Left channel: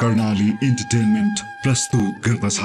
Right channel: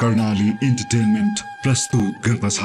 Karnali entertainment प्रस्तुत गर्दछ।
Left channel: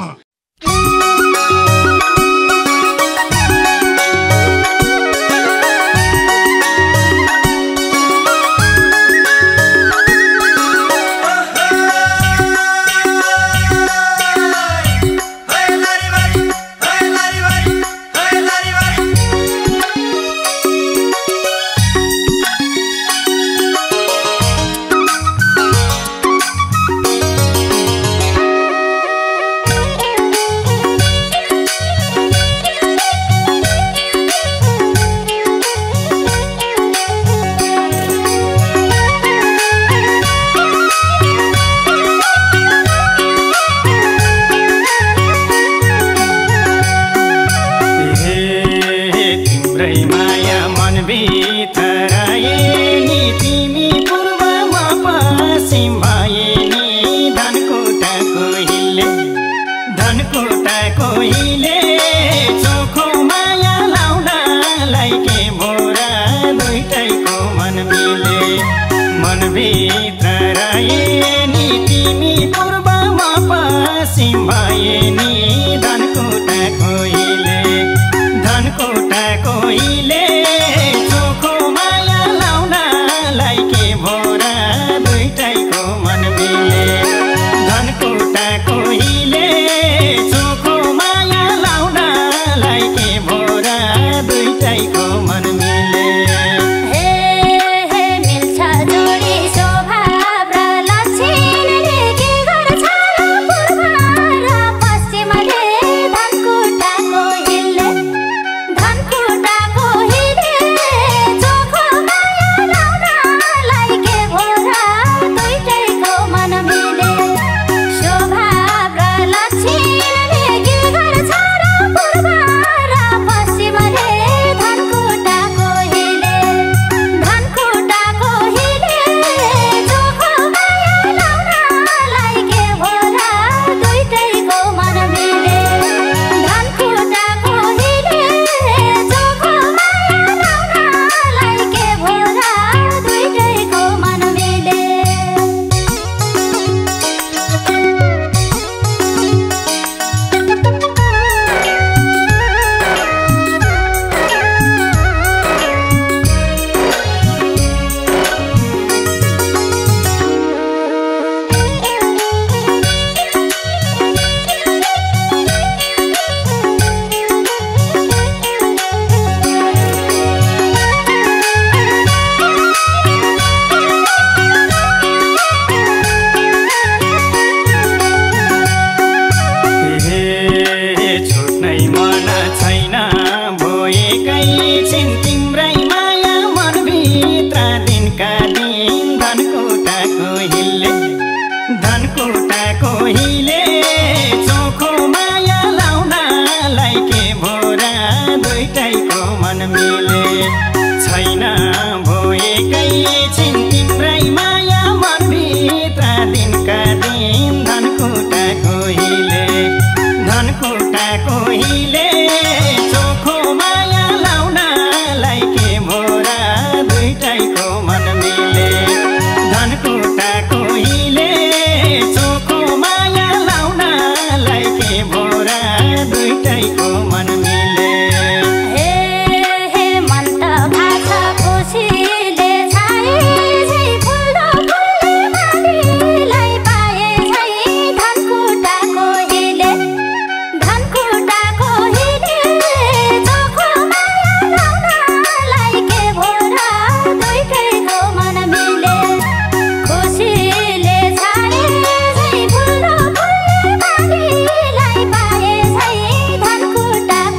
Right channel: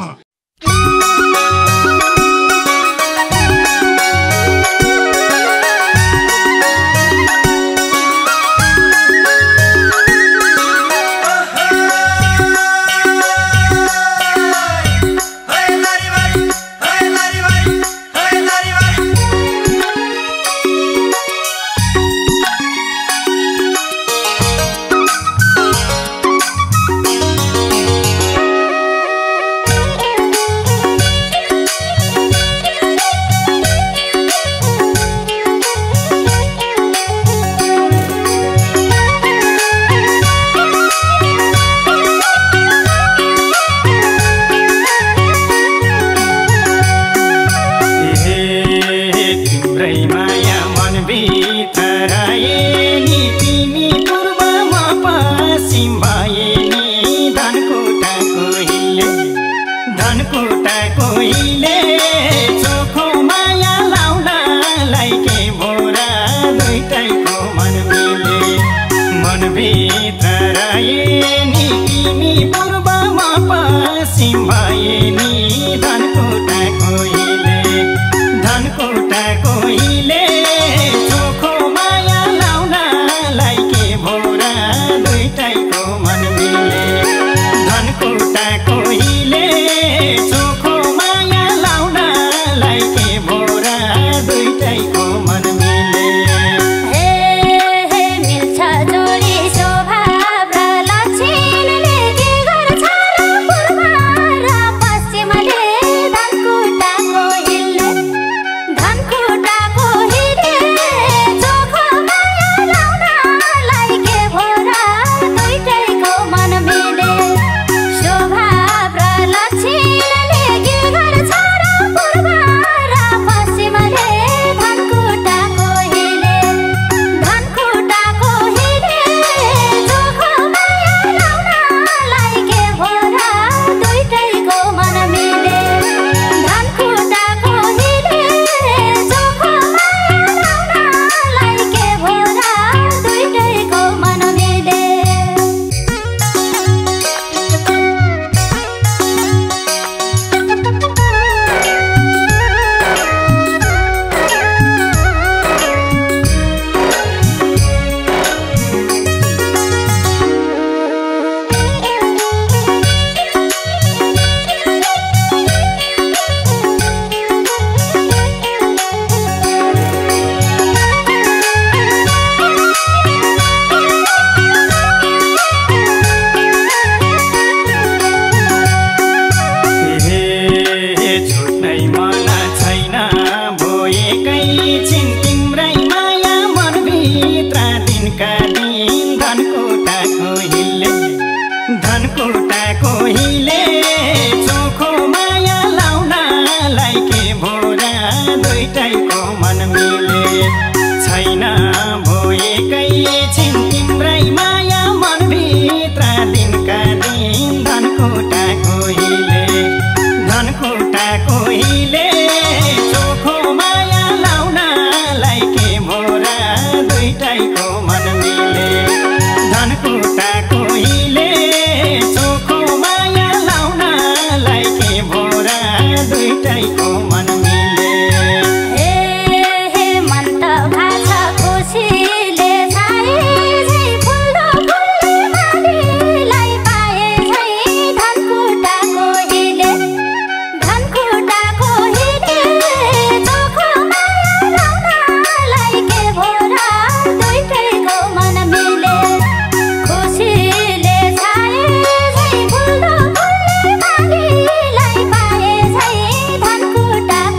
धनकुटा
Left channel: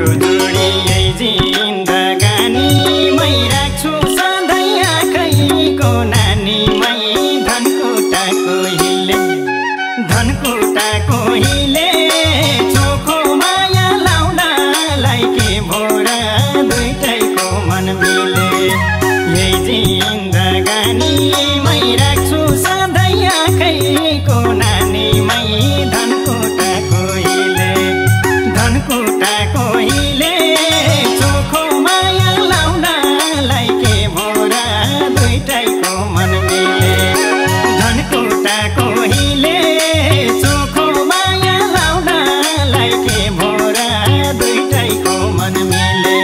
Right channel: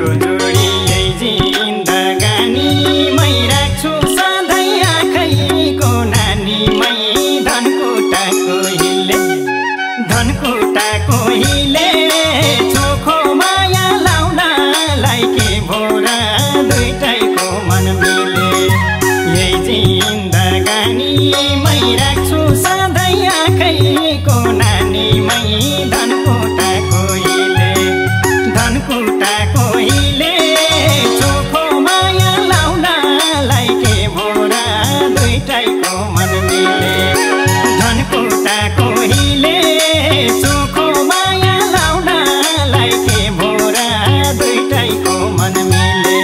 यो जोडी यही जिन्दगानीमै राख्छु सधैँ आँखैको नानीमै धनकुटाको हिले चोखो माया लाउनलाई के भोरा दुईटैको मन मिले यही जिन्दगानीमै राख्छु सधैँ आँखैको नानीमै धनकुटाको हिले चोखो माया लाउनलाई के भोरा दुईटैको मन मिले धनकुटाको हिले चोखो माया लाउनलाई के भोरा दुईटैको मन मिले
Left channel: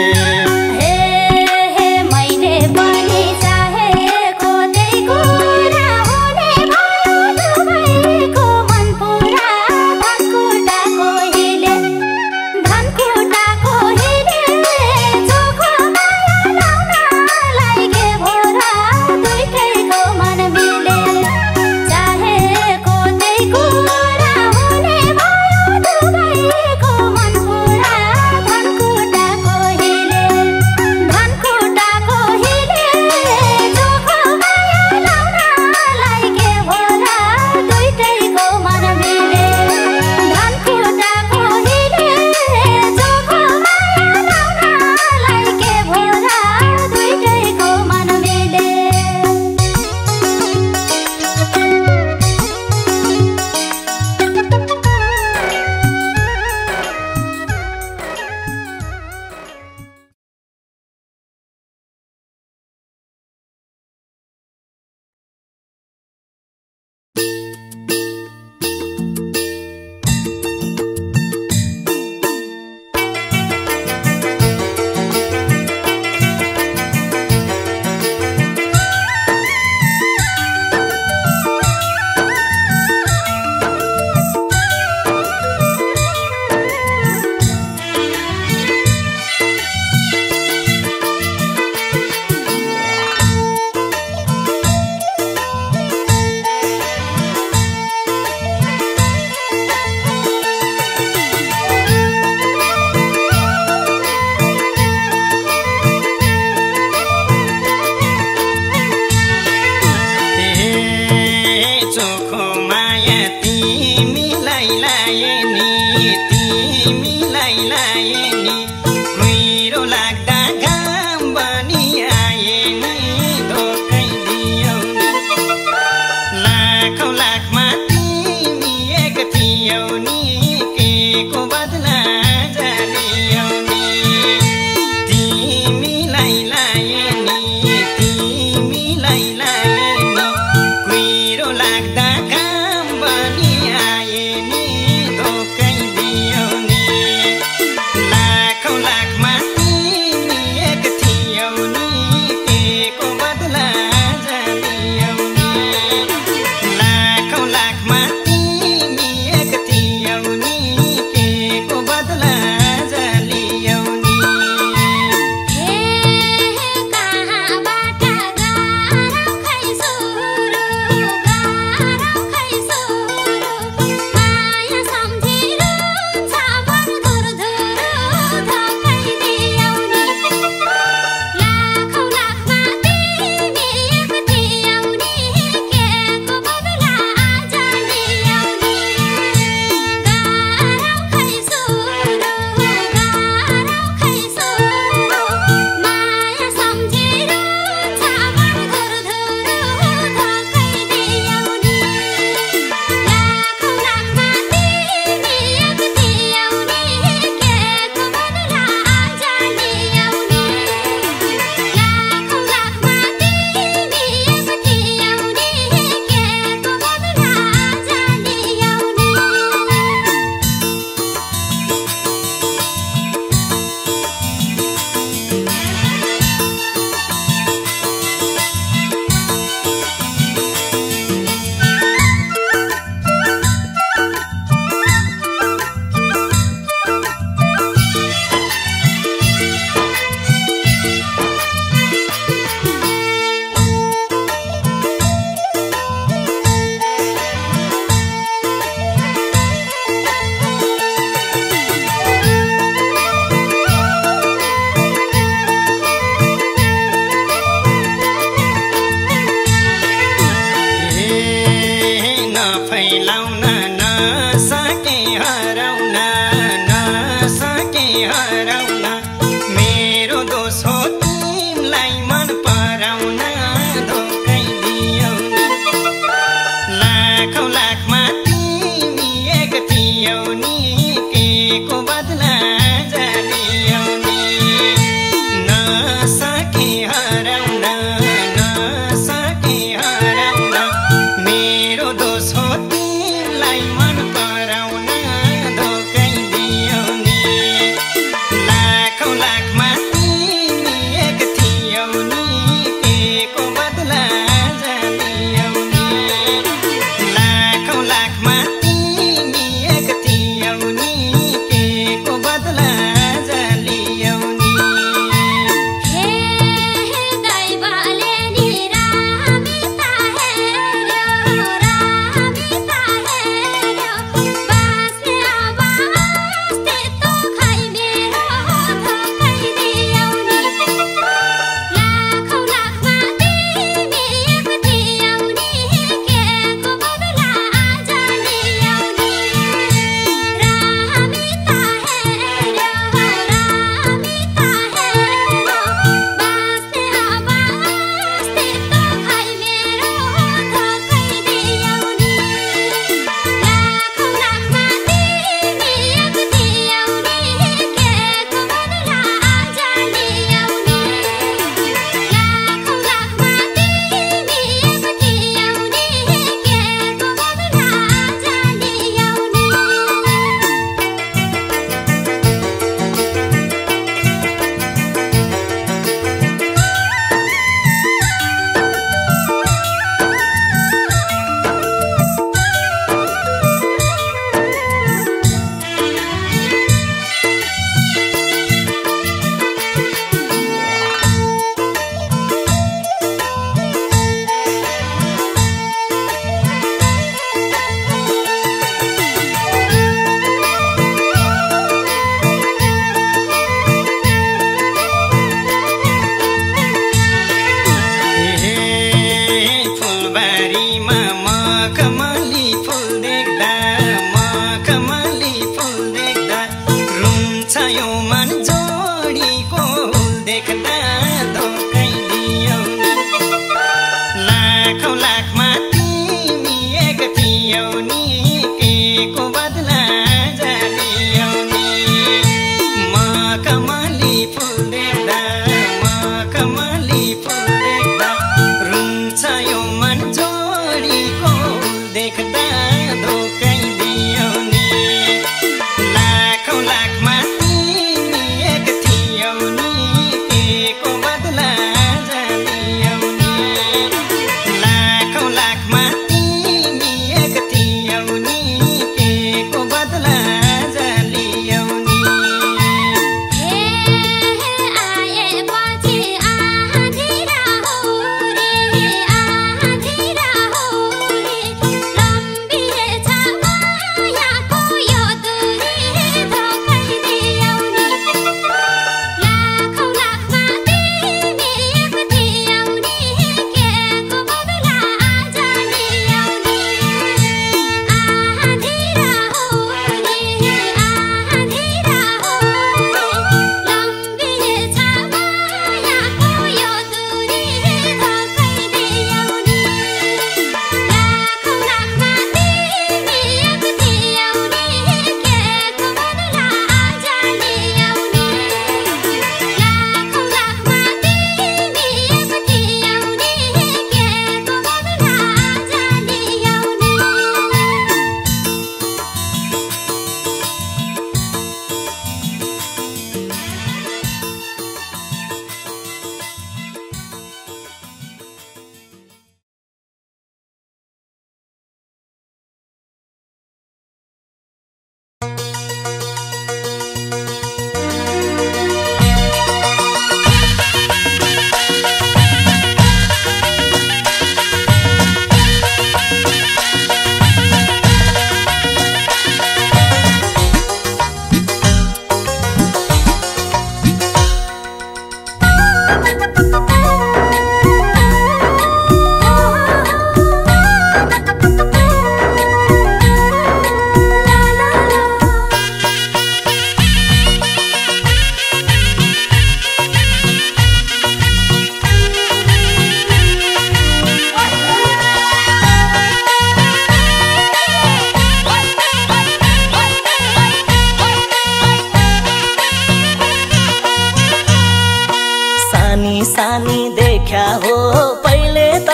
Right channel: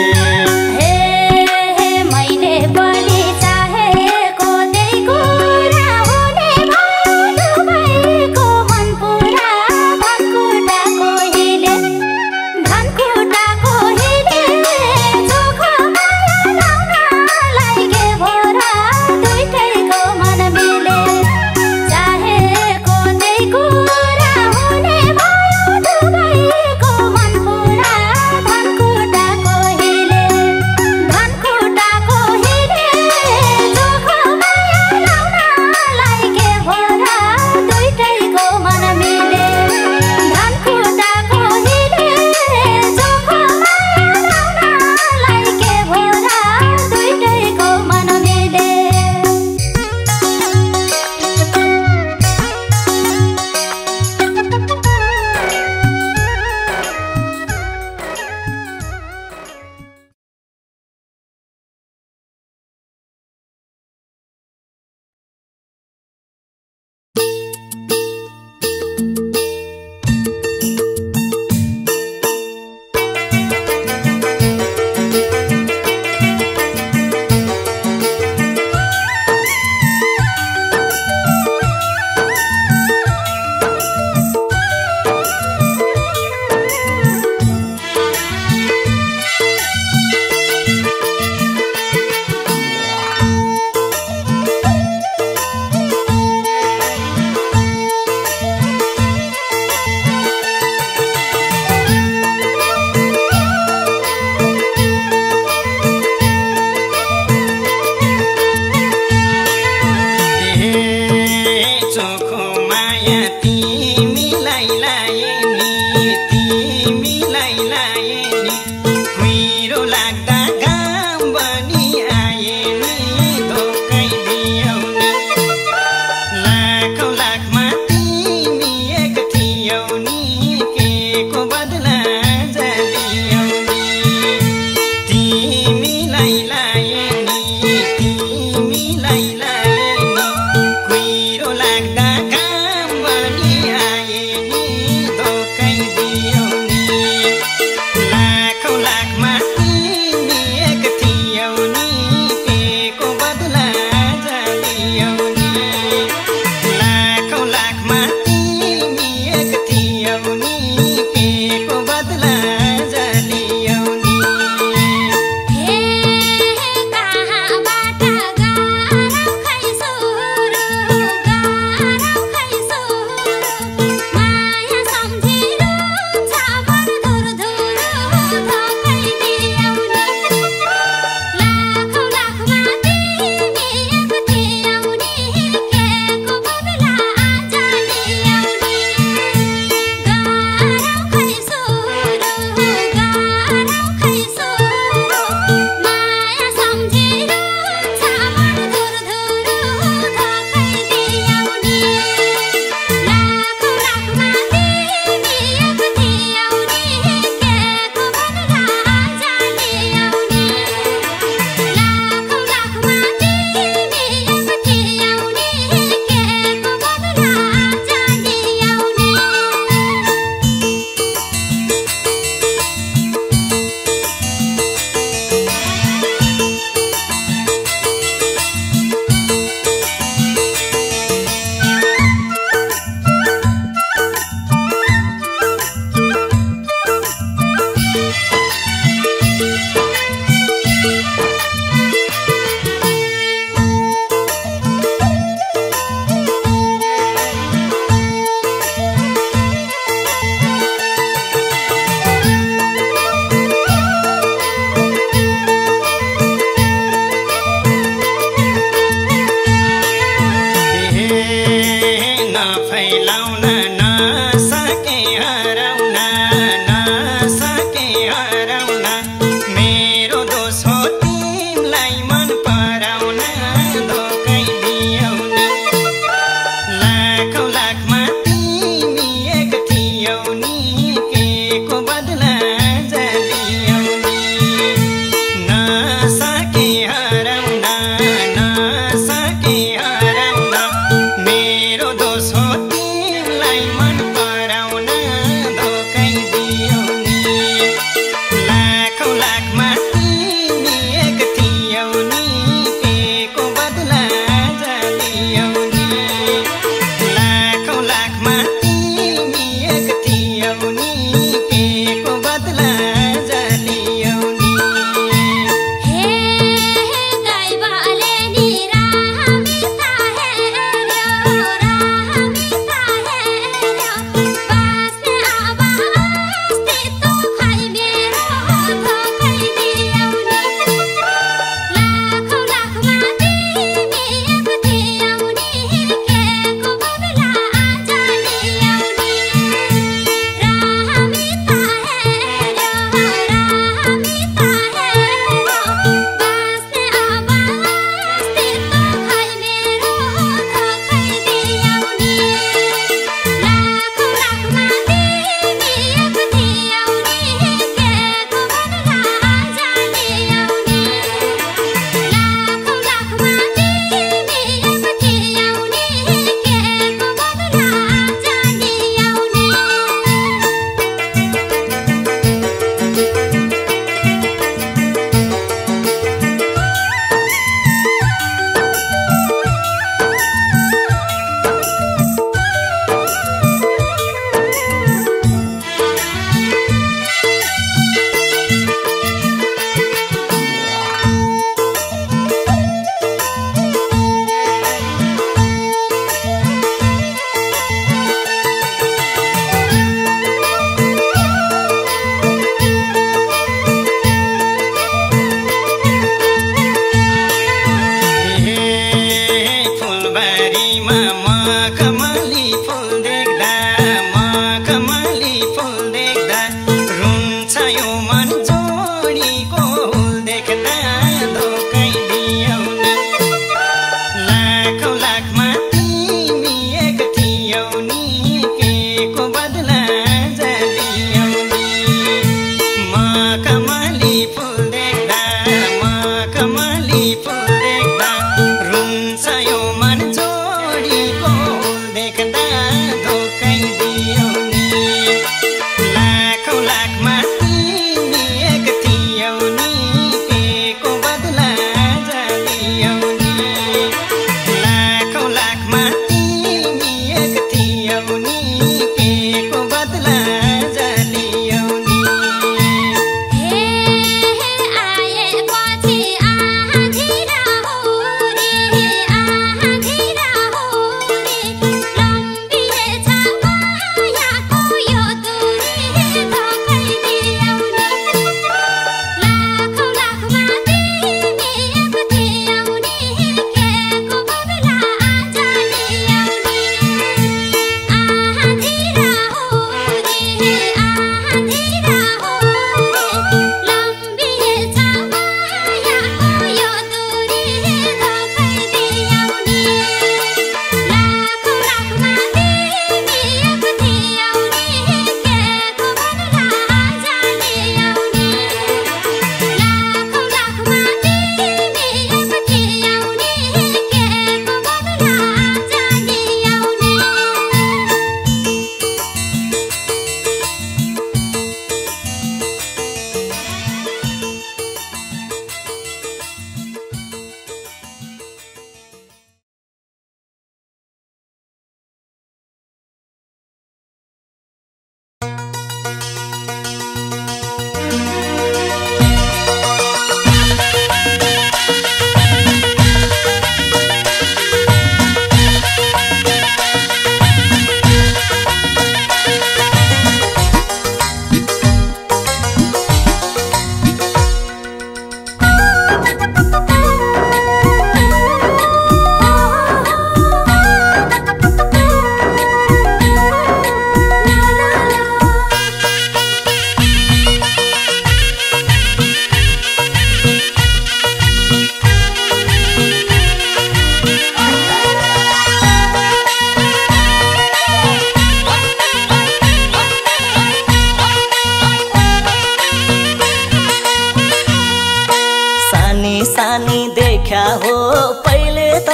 जवानी देखा हो पहिले त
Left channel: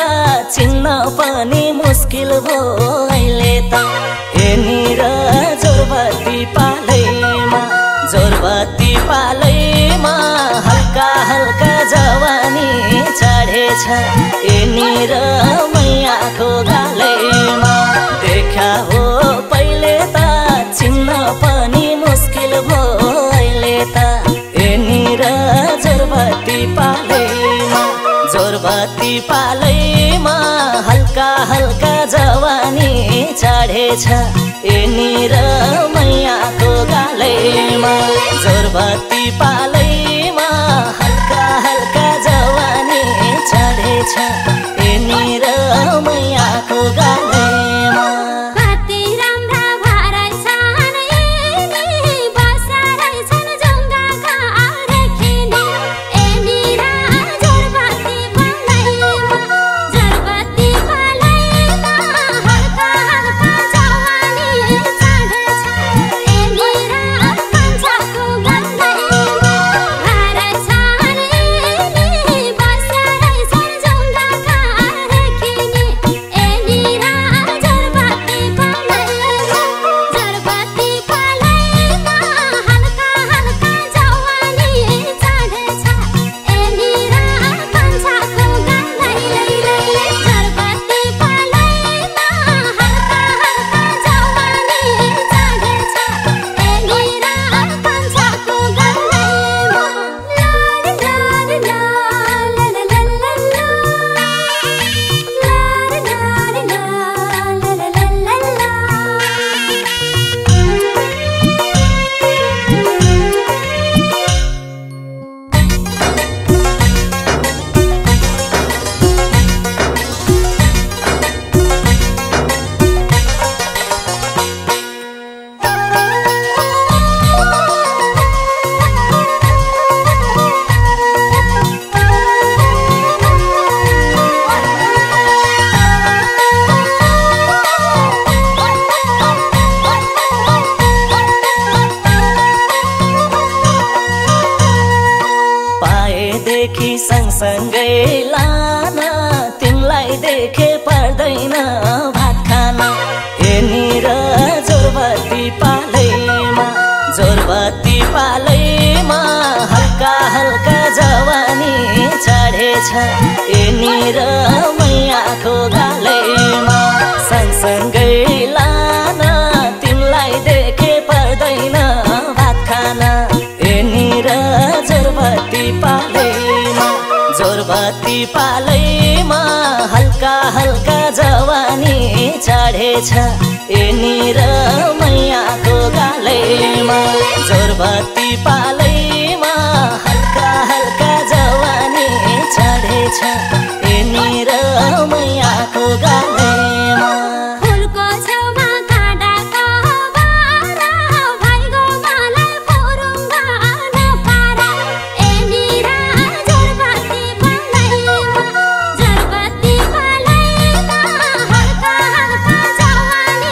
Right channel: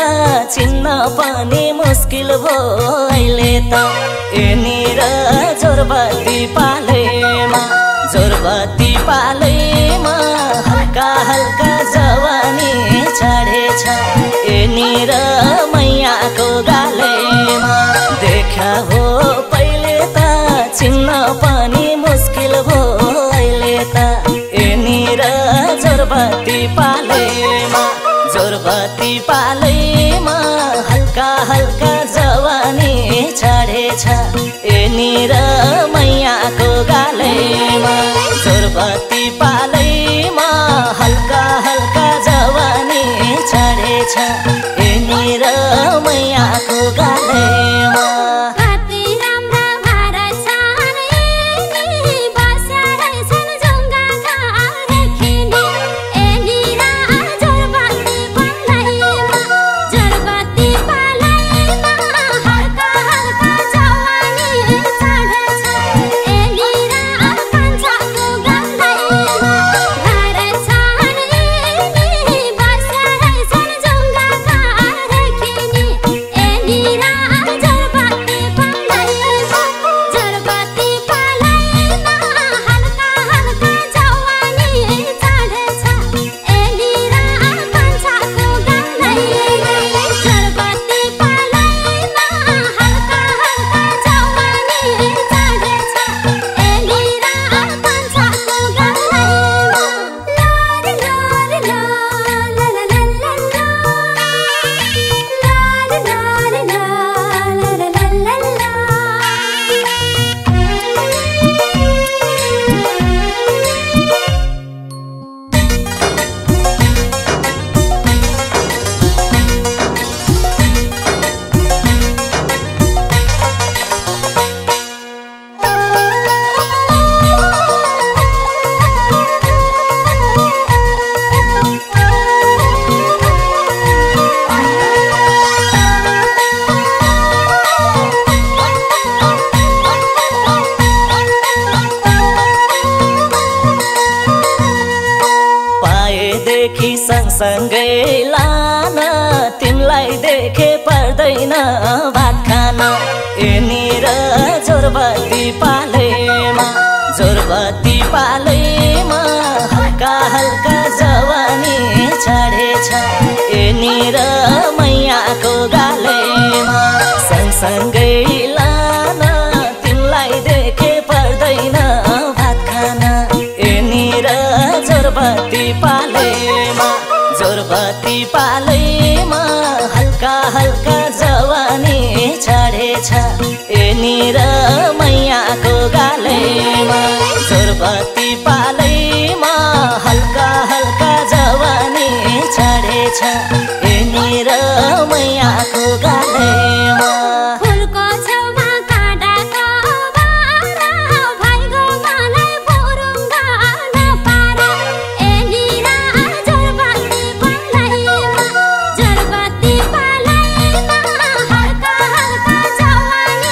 चिन्न पनि मुस्किल हो अहिले त यहाँनिर जोरबत्ती पालैमा हल्का हल्का जवानी चढेछ यहाँनिर मैयाको गालैमा देखा हो पहिले त चिन्न पनि मुस्किल हो अहिले त यहाँनिर जोरबत्ती पालैमा हल्का हल्का जवानी चढेछ यहाँनिर मैयाको गालैमा जोरबत्ती पालैमा हल्का हल्का जवानी चढेछ यहाँनिर मैयाको गालैमा सँगसँगै लान तिमीलाई देखे पर्दैन भात खान यहाँनिर जोरबत्ती पालैमा हल्का हल्का जवानी चढेछ यहाँनिर मैयाको गालैमा सँगसँगै लान तिमीलाई देखे पर्दैन भात खान यहाँनिर जोरबत्ती पालैमा हल्का हल्का जवानी चढेछ यहाँनिर मैयाको गालैमा जोरबत्ती पालैमा हल्का हल्का जवानी चढेछ यहाँनिर मैयाको गालैमा Jarbati palai na halka halka jawani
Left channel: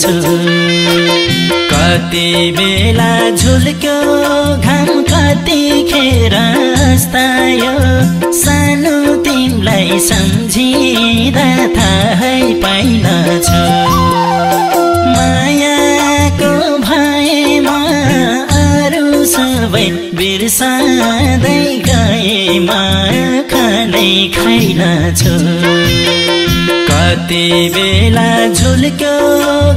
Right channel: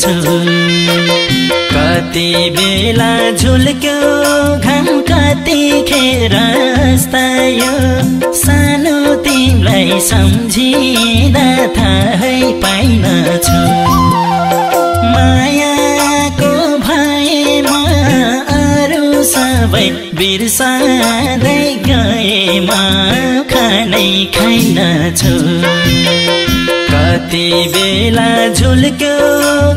छु कति बेला झुल्क्यो घाम कतिखेर अस्तायो सानो तिमीलाई सम्झिँदा थाहै पाइनछु मायाको भएमा अरू सबै बिर्सँदै गएमा खानै खाइनछु कति बेला झुल्क्यो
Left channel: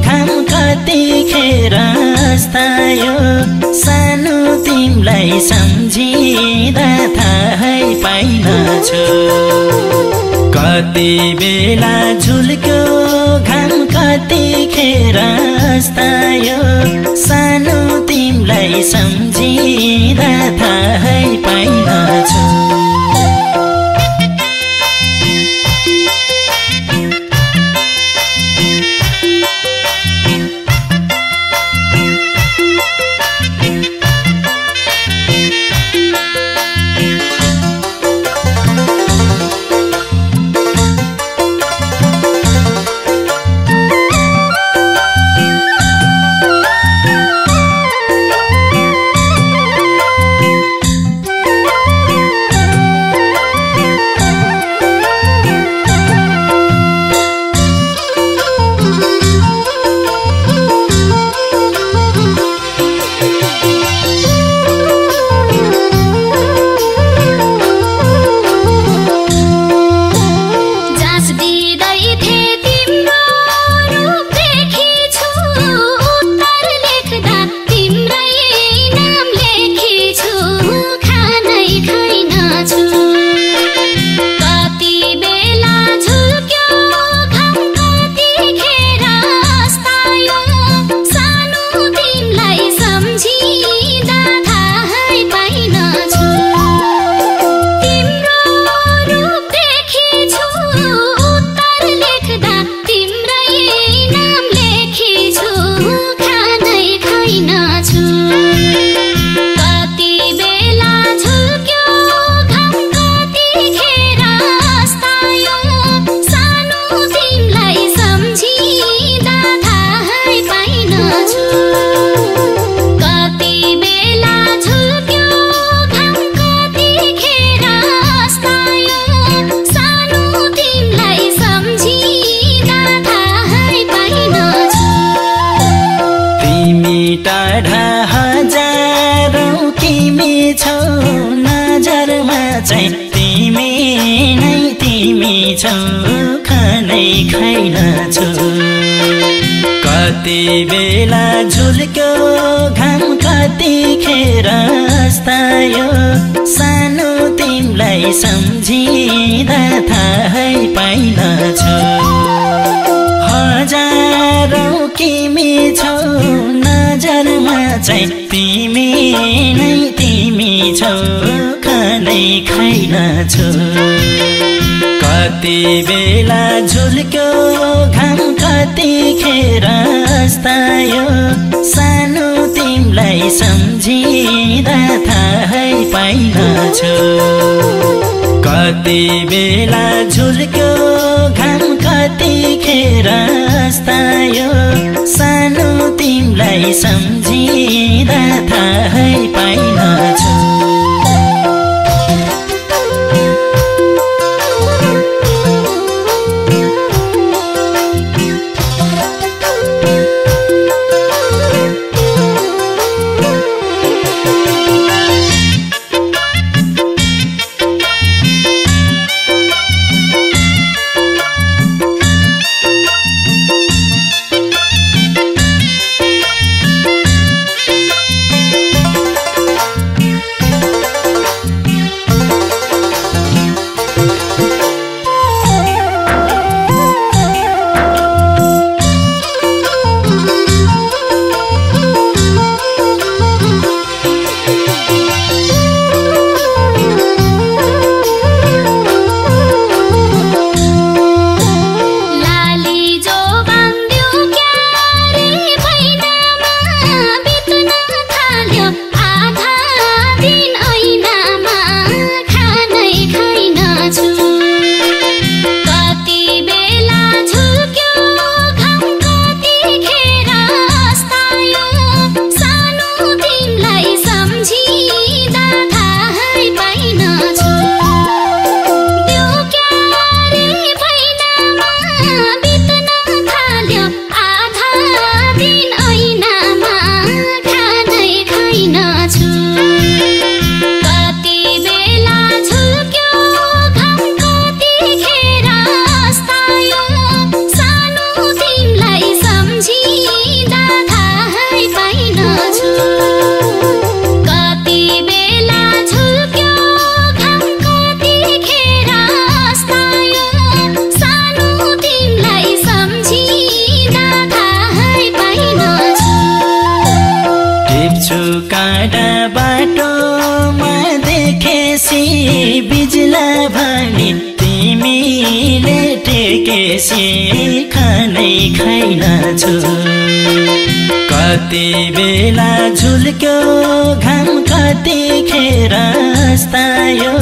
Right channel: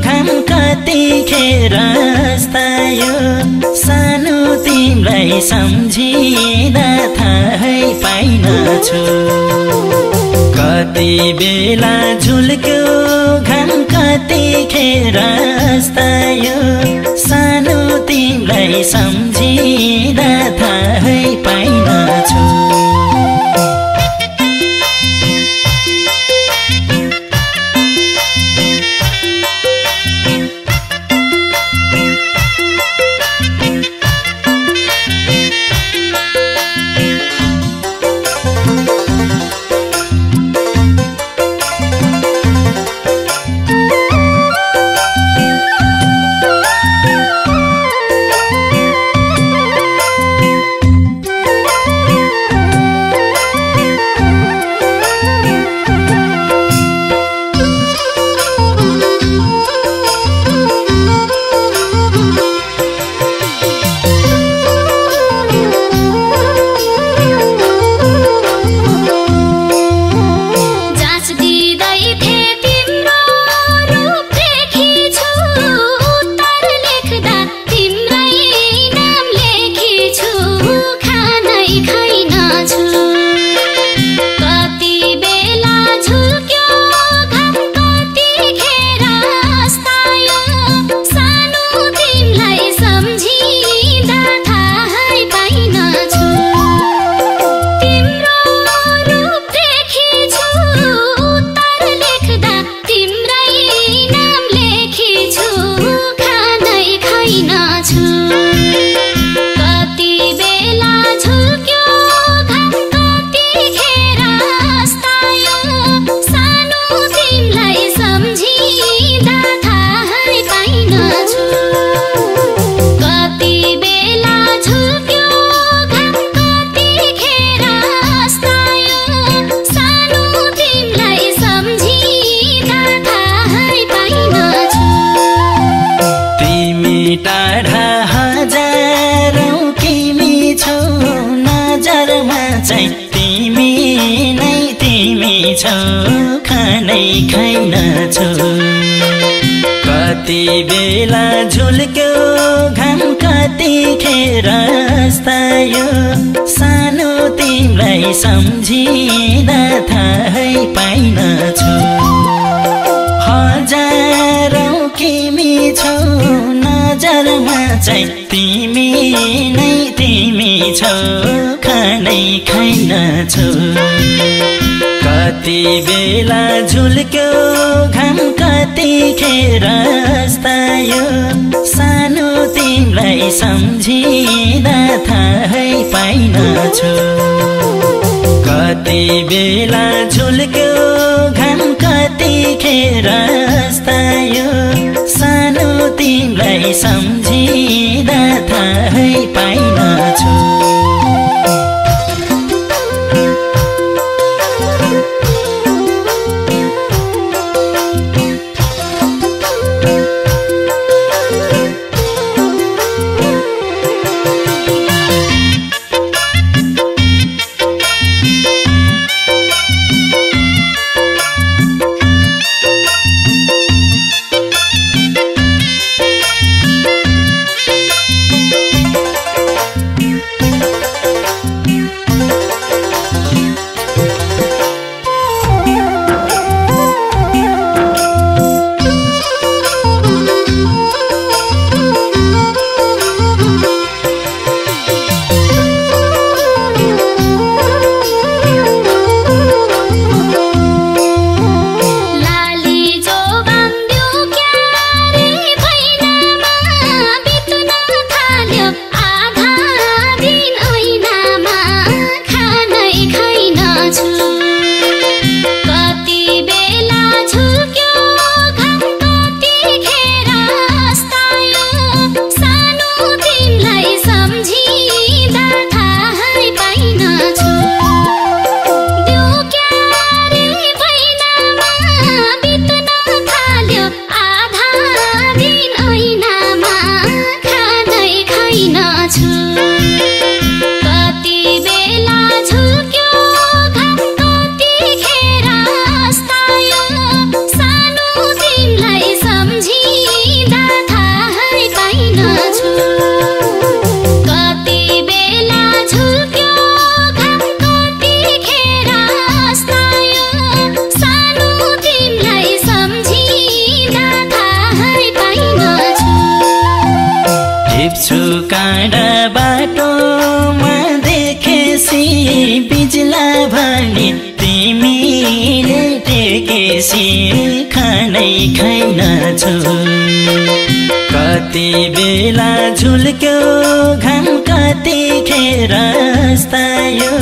घाम कतिखेर अस्तायो सानो तिमीलाई सम्झिँदा थाहै पाइनछु कति बेला झुल्क्यो घाम कतिखेर अस्तायो सानो तिमीलाई सम्झिँदा थाहै पाइनछु खानै खाइनछु कति बेला झुल्क्यो घाम कतिखेर अस्तायो सानो तिमीलाई सम्झिँदा थाहै पाइनछु हजारौं किमी छौ नजरमा चाहिँ तिमी नै तिमी छौ खानै खाइनछु कति बेला झुल्क्यो घाम कतिखेर अस्तायो सानो तिमीलाई सम्झिँदा थाहै पाइनछु कति बेला झुल्क्यो घाम कतिखेर अस्तायो सानो तिमीलाई सम्झिँदा थाहै पाइनछु छु कति बेला झुल्क्यो घाम कतिखेर अस्तायो सानो तिमीलाई सम्झिँदा थाहै पाइनछु कति बेला झुल्क्यो घाम कतिखेर अस्तायो सानो तिमीलाई सम्झिँदा थाहै पाइनछु टिप्छु काँडा बाटोमा देखेसी बिजुला भने तिमीले टेकेसी खानै खाइनछु कति बेला झुल्क्यो घाम कतिखेर अस्तायो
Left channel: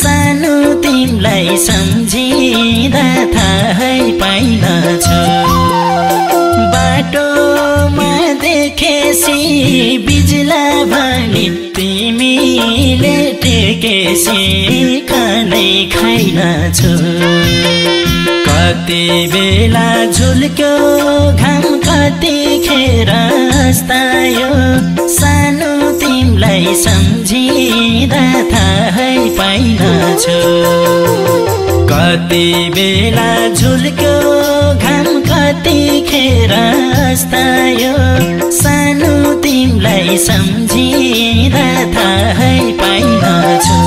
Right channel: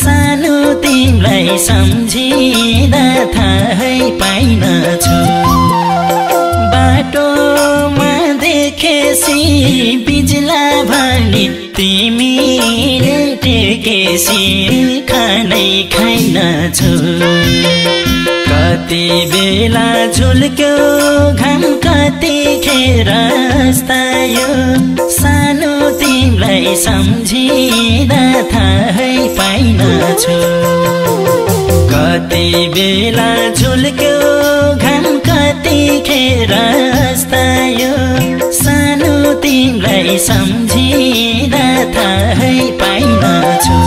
सानो तिमीलाई सम्झिँदा थाहै पाइनछु बाटोमा देखेसी बिजुला भने तिमीले टेकेसी खानै खाइनछु कति बेला झुल्क्यो घाम कतिखेर अस्तायो सानो तिमीलाई सम्झिँदा थाहै पाइनछु कति बेला झुल्क्यो घाम कतिखेर अस्तायो सानो तिमीलाई सम्झिँदा थाहै पाइनछु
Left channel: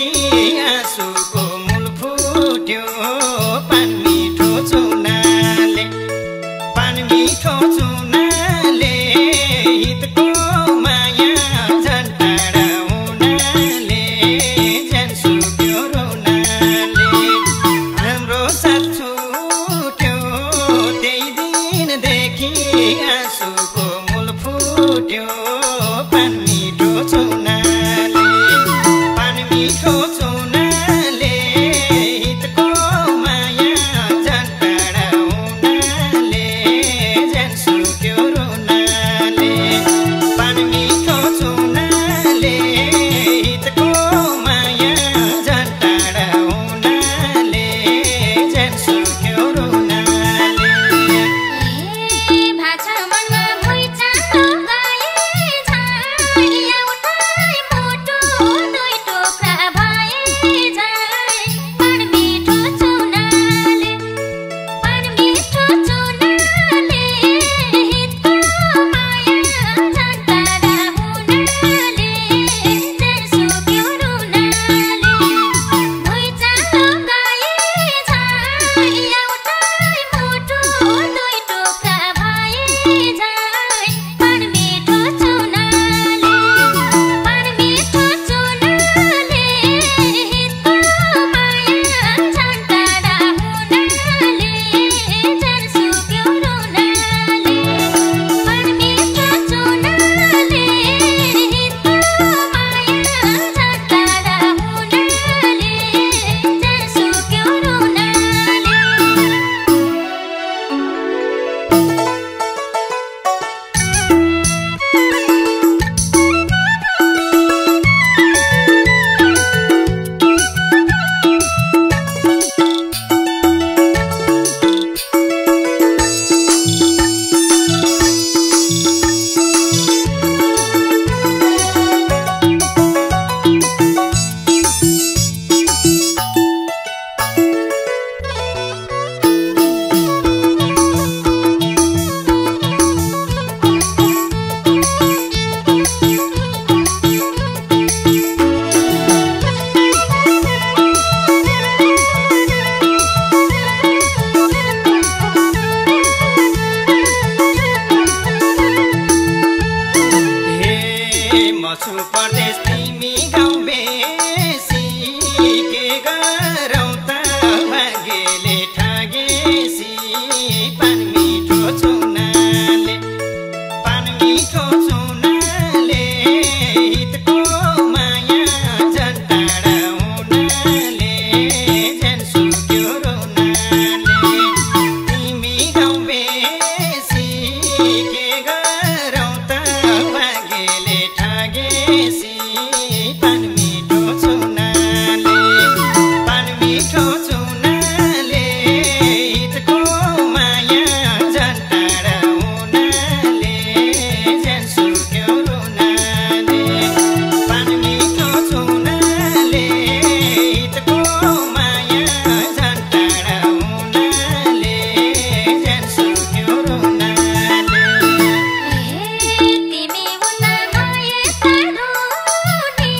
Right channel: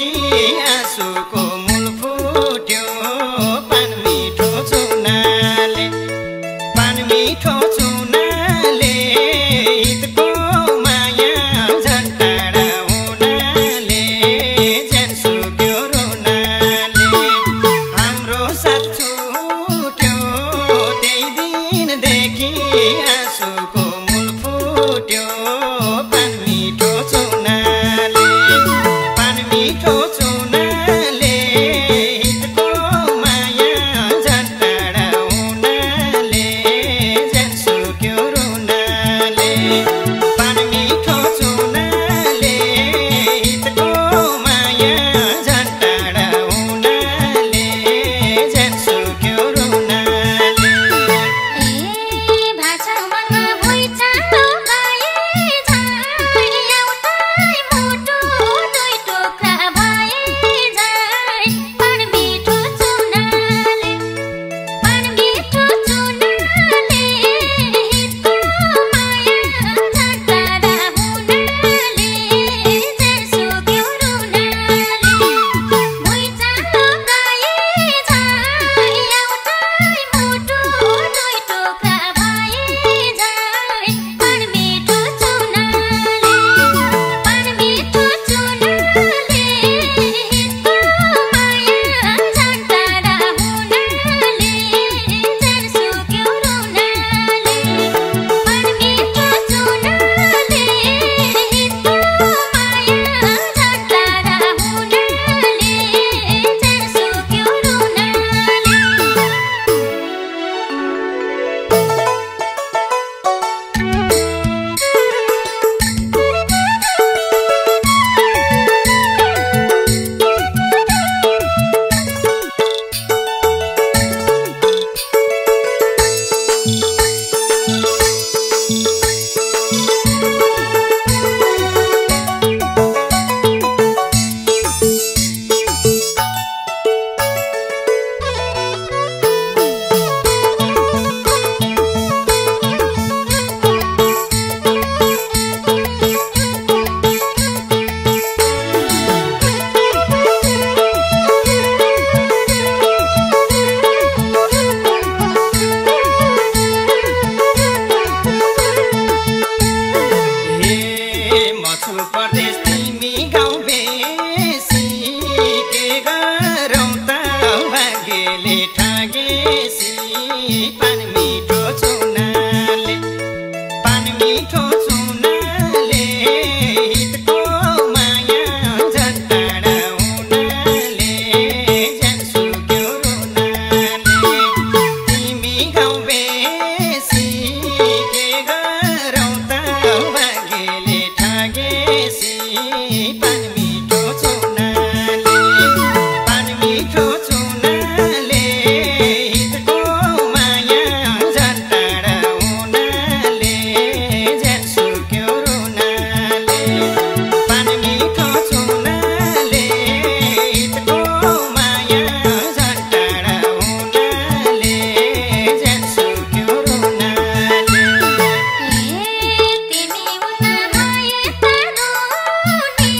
देखि आँसुको मूल फुट्यो पान मिठो चुनाले हितको माया झन् टाढा हुनाले ज्यान सुक्यो रुनाले हाम्रो साथ छुट्यो त्यही दिनदेखि आँसुको मूल फुट्यो पान मिठो चुनाले हितको माया झन् टाढा हुनाले ज्यान सुक्यो रुनाले पान मिठो चुनाले हितको माया झन् टाढा हुनाले ज्यान सुक्यो रुनाले भाषा मनमा भुइँ चालो गए झै एउटै मुटु दुई टुक्रा भए झै पान मिठो चुनाले हितको माया झन् टाढा हुनाले ज्यान सुक्यो रुनाले भुइँ चालो गए झै एउटै मुटु दुई टुक्रा भए झै पान मिठो चुनाले हितको माया झन् टाढा हुनाले ज्यान सुक्यो रुनाले पान मिठो चुनाले हितको माया झन् टाढा हुनाले ज्यान सुक्यो रुनाले मछु परदेश तिमी गाउँ बेसी के गरौँ त भाग्यले ठागेसी पान मिठो चुनाले हितको माया झन् टाढा हुनाले ज्यान सुक्यो रुनाले तिमी गाउँ बेसी के गरौँ त भाग्यले ठागेसी पान मिठो चुनाले हितको माया झन् टाढा हुनाले ज्यान सुक्यो रुनाले पान मिठो चुनाले हितको माया झन् टाढा हुनाले ज्यान सुक्यो रुनाले तिमी हुन भए त रुनी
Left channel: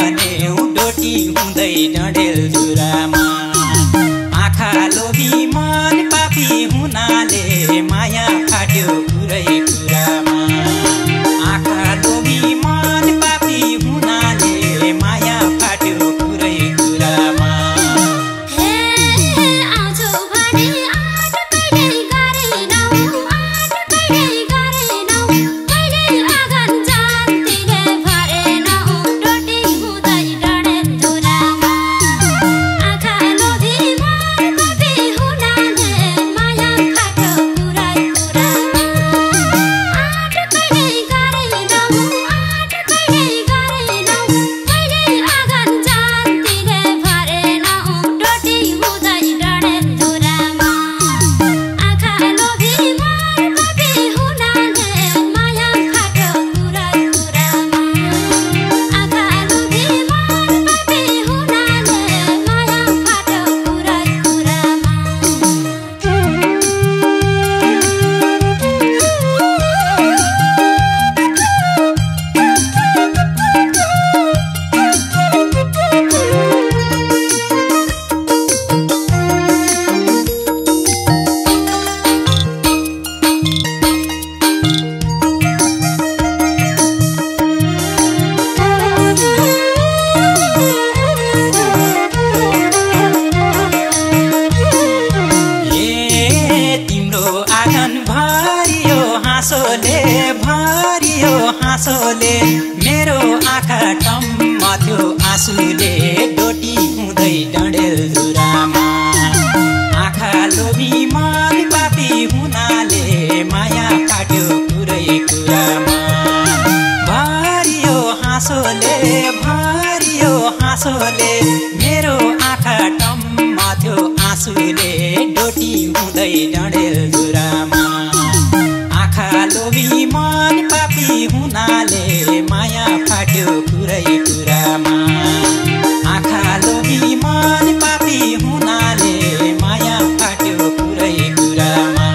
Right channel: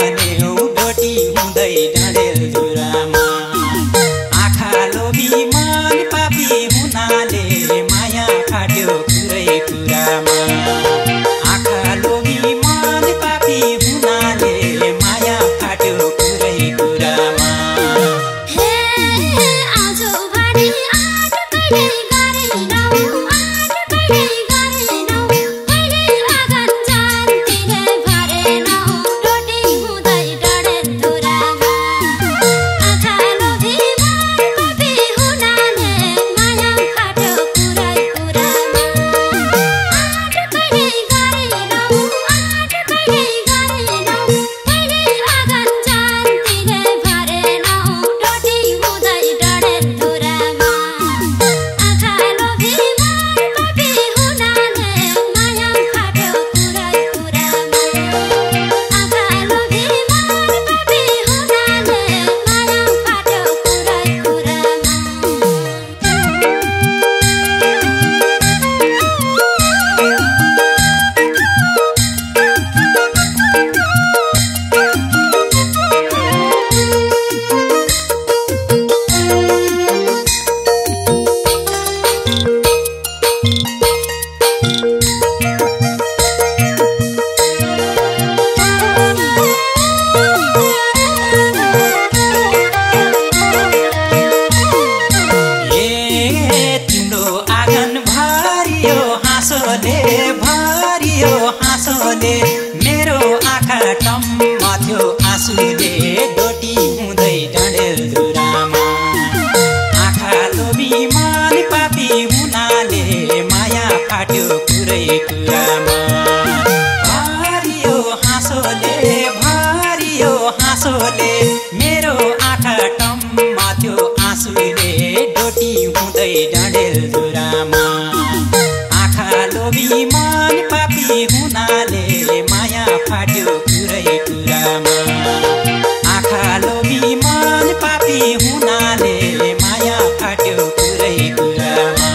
भन्यो डोटी हुँदै डडेलधुरामा आँखा लोभी मन पापी हुनाले माया फाट्यो कुरै कुरामा आँखा लोभी मन पापी हुनाले माया फाट्यो कुरै कुरामा मेरो आँखा टम्म थियो आँसुले डोटी हुँदै डडेलधुरामा आँखा लोभी मन पापी हुनाले माया फाट्यो कुरै कुरामा भरियो हाँसोले मेरो आँखा टम्म थियो आँसुले डोटी हुँदै डडेलधुरामा आँखा लोभी मन पापी हुनाले माया फाट्यो कुरै कुरामा आँखा लोभी मन पापी हुनाले माया फाट्यो कुरै कुरामा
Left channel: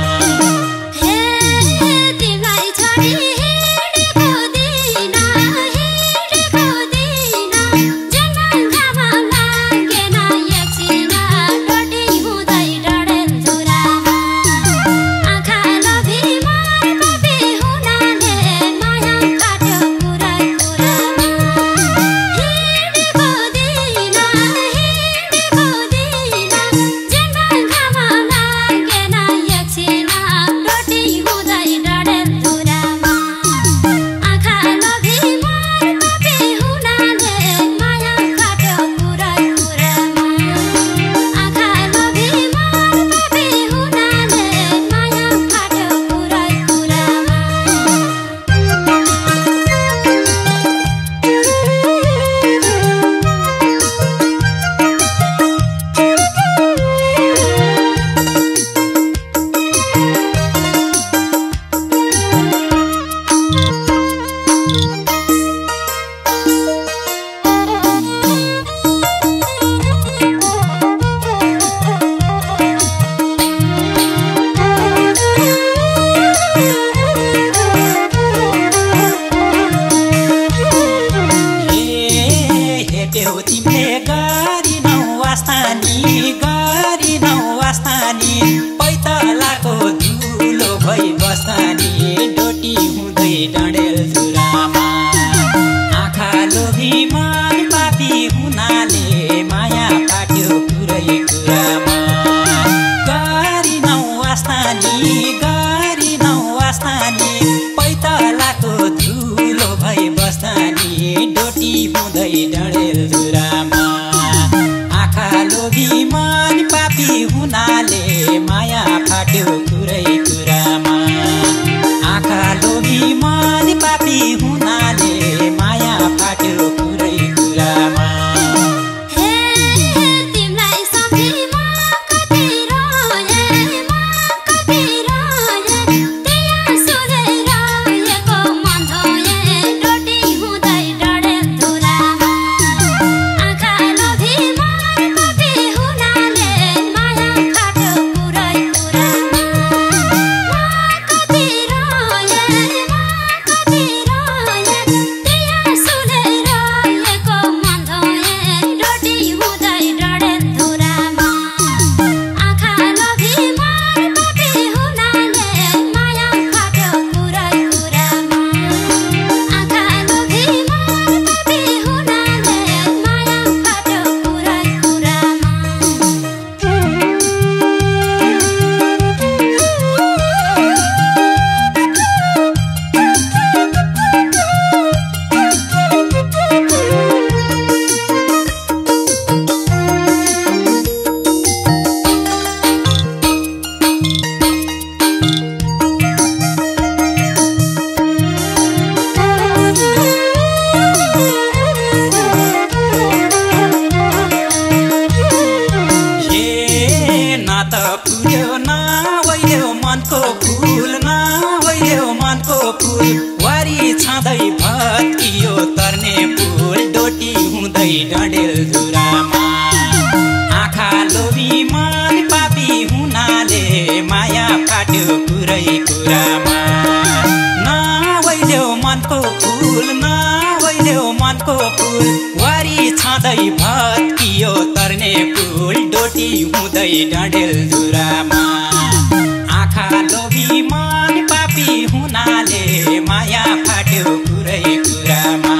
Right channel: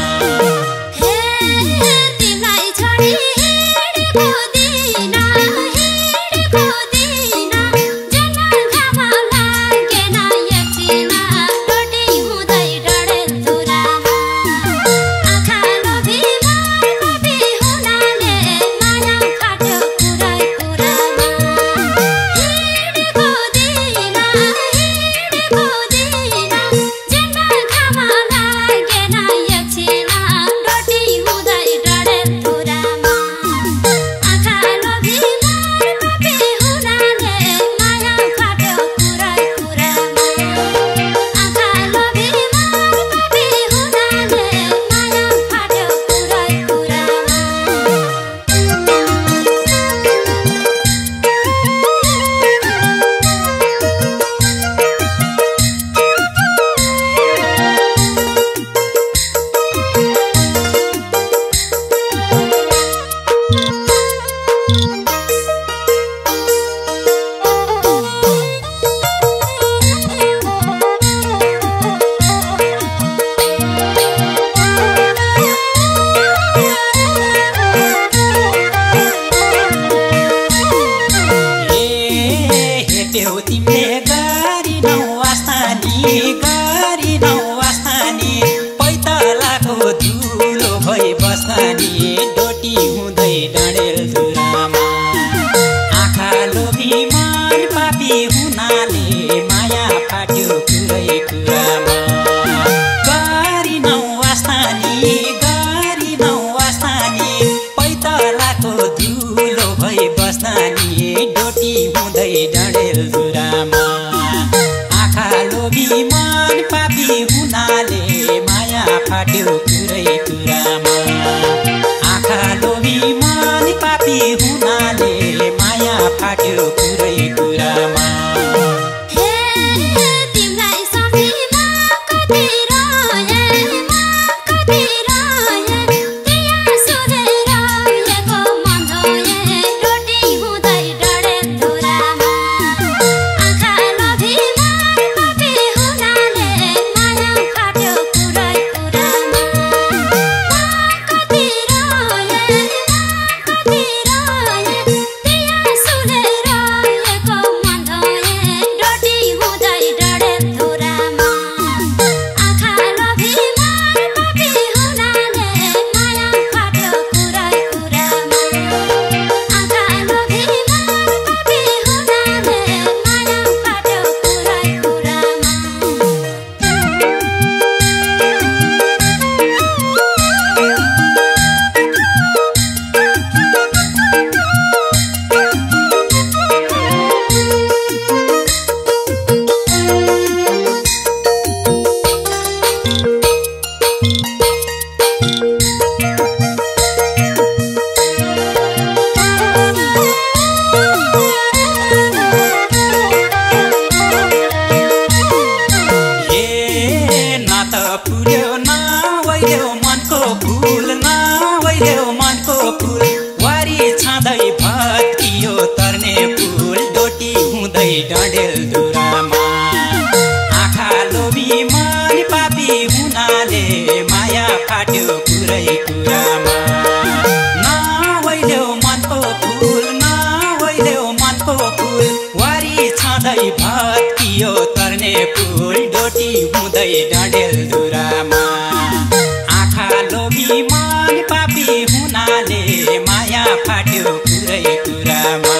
तिमीले गरी नौ वास्तानी पैतलाको धुलो भई बस्तानी डोटी हुँदै डडेलधुरामा आँखा लोभी मन पापी हुनाले माया फाट्यो कुरै कुरामा गरी नौ वास्तानी पैतलाको धुलो भई बस्तानी डोटी हुँदै डडेलधुरामा आँखा लोभी मन पापी हुनाले माया फाट्यो कुरै कुरामा आँखा लोभी मन पापी हुनाले माया फाट्यो कुरै कुरामा Happy हुँदै डडेलधुरामा आँखा लोभी मन पापी हुनाले माया फाट्यो कुरै कुरामा नहोइदेऊ मनको फुल नहोइदेऊ मनको फुल वारी छँदै भत्कियो तर्ने फुल डोटी हुँदै डडेलधुरामा आँखा लोभी मन पापी हुनाले माया फाट्यो कुरै कुरामा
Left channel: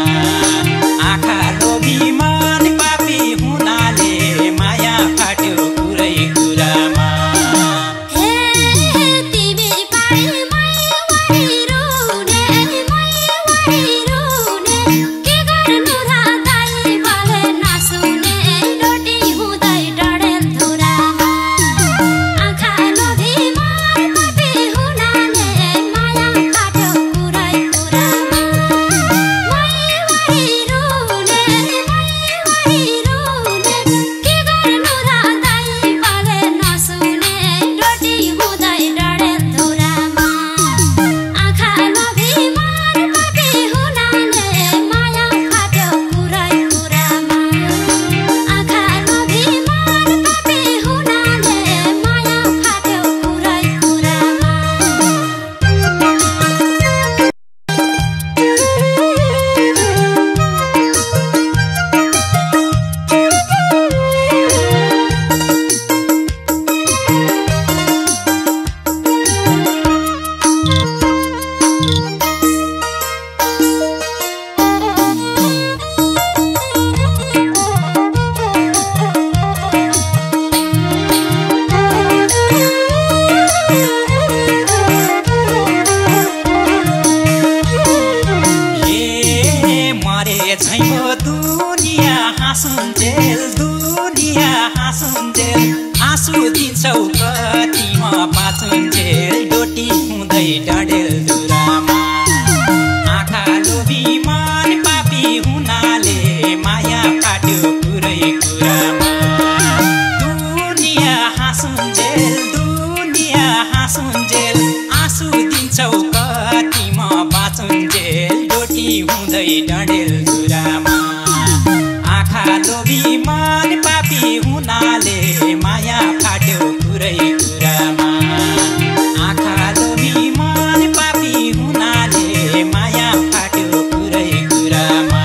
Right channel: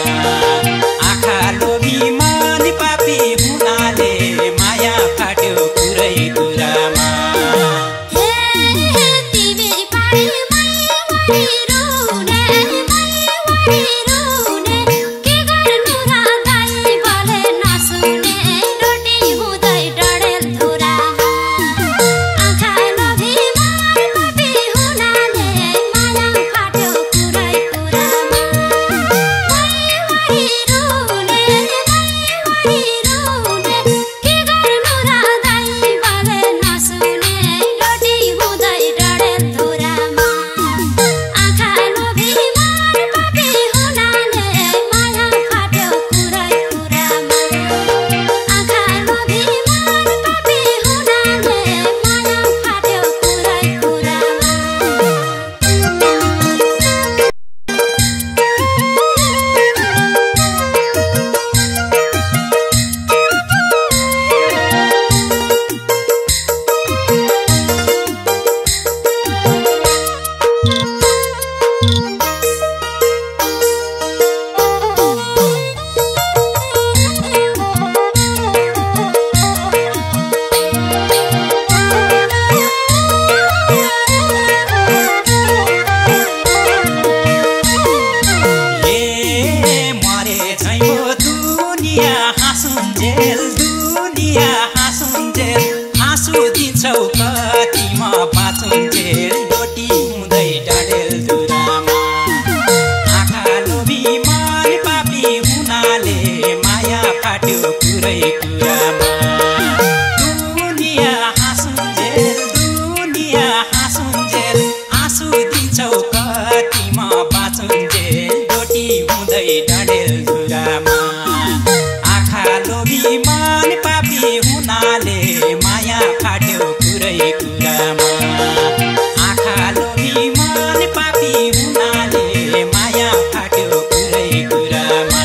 आँखा लोभी मन पापी हुनाले माया फाट्यो कुरै कुरामा आँसु दिन्छौ कतिमा बाँचुन्जेल डोटी हुँदै डडेलधुरामा आँखा लोभी मन पापी हुनाले माया फाट्यो कुरै कुरामा दुनिया हाँसुन्जेल आँसु दिन्छौ कतिमा बाँचुन्जेल डोटी हुँदै डडेलधुरामा आँखा लोभी मन पापी हुनाले माया फाट्यो कुरै कुरामा आँखा लोभी मन पापी हुनाले माया फाट्यो कुरै कुरामा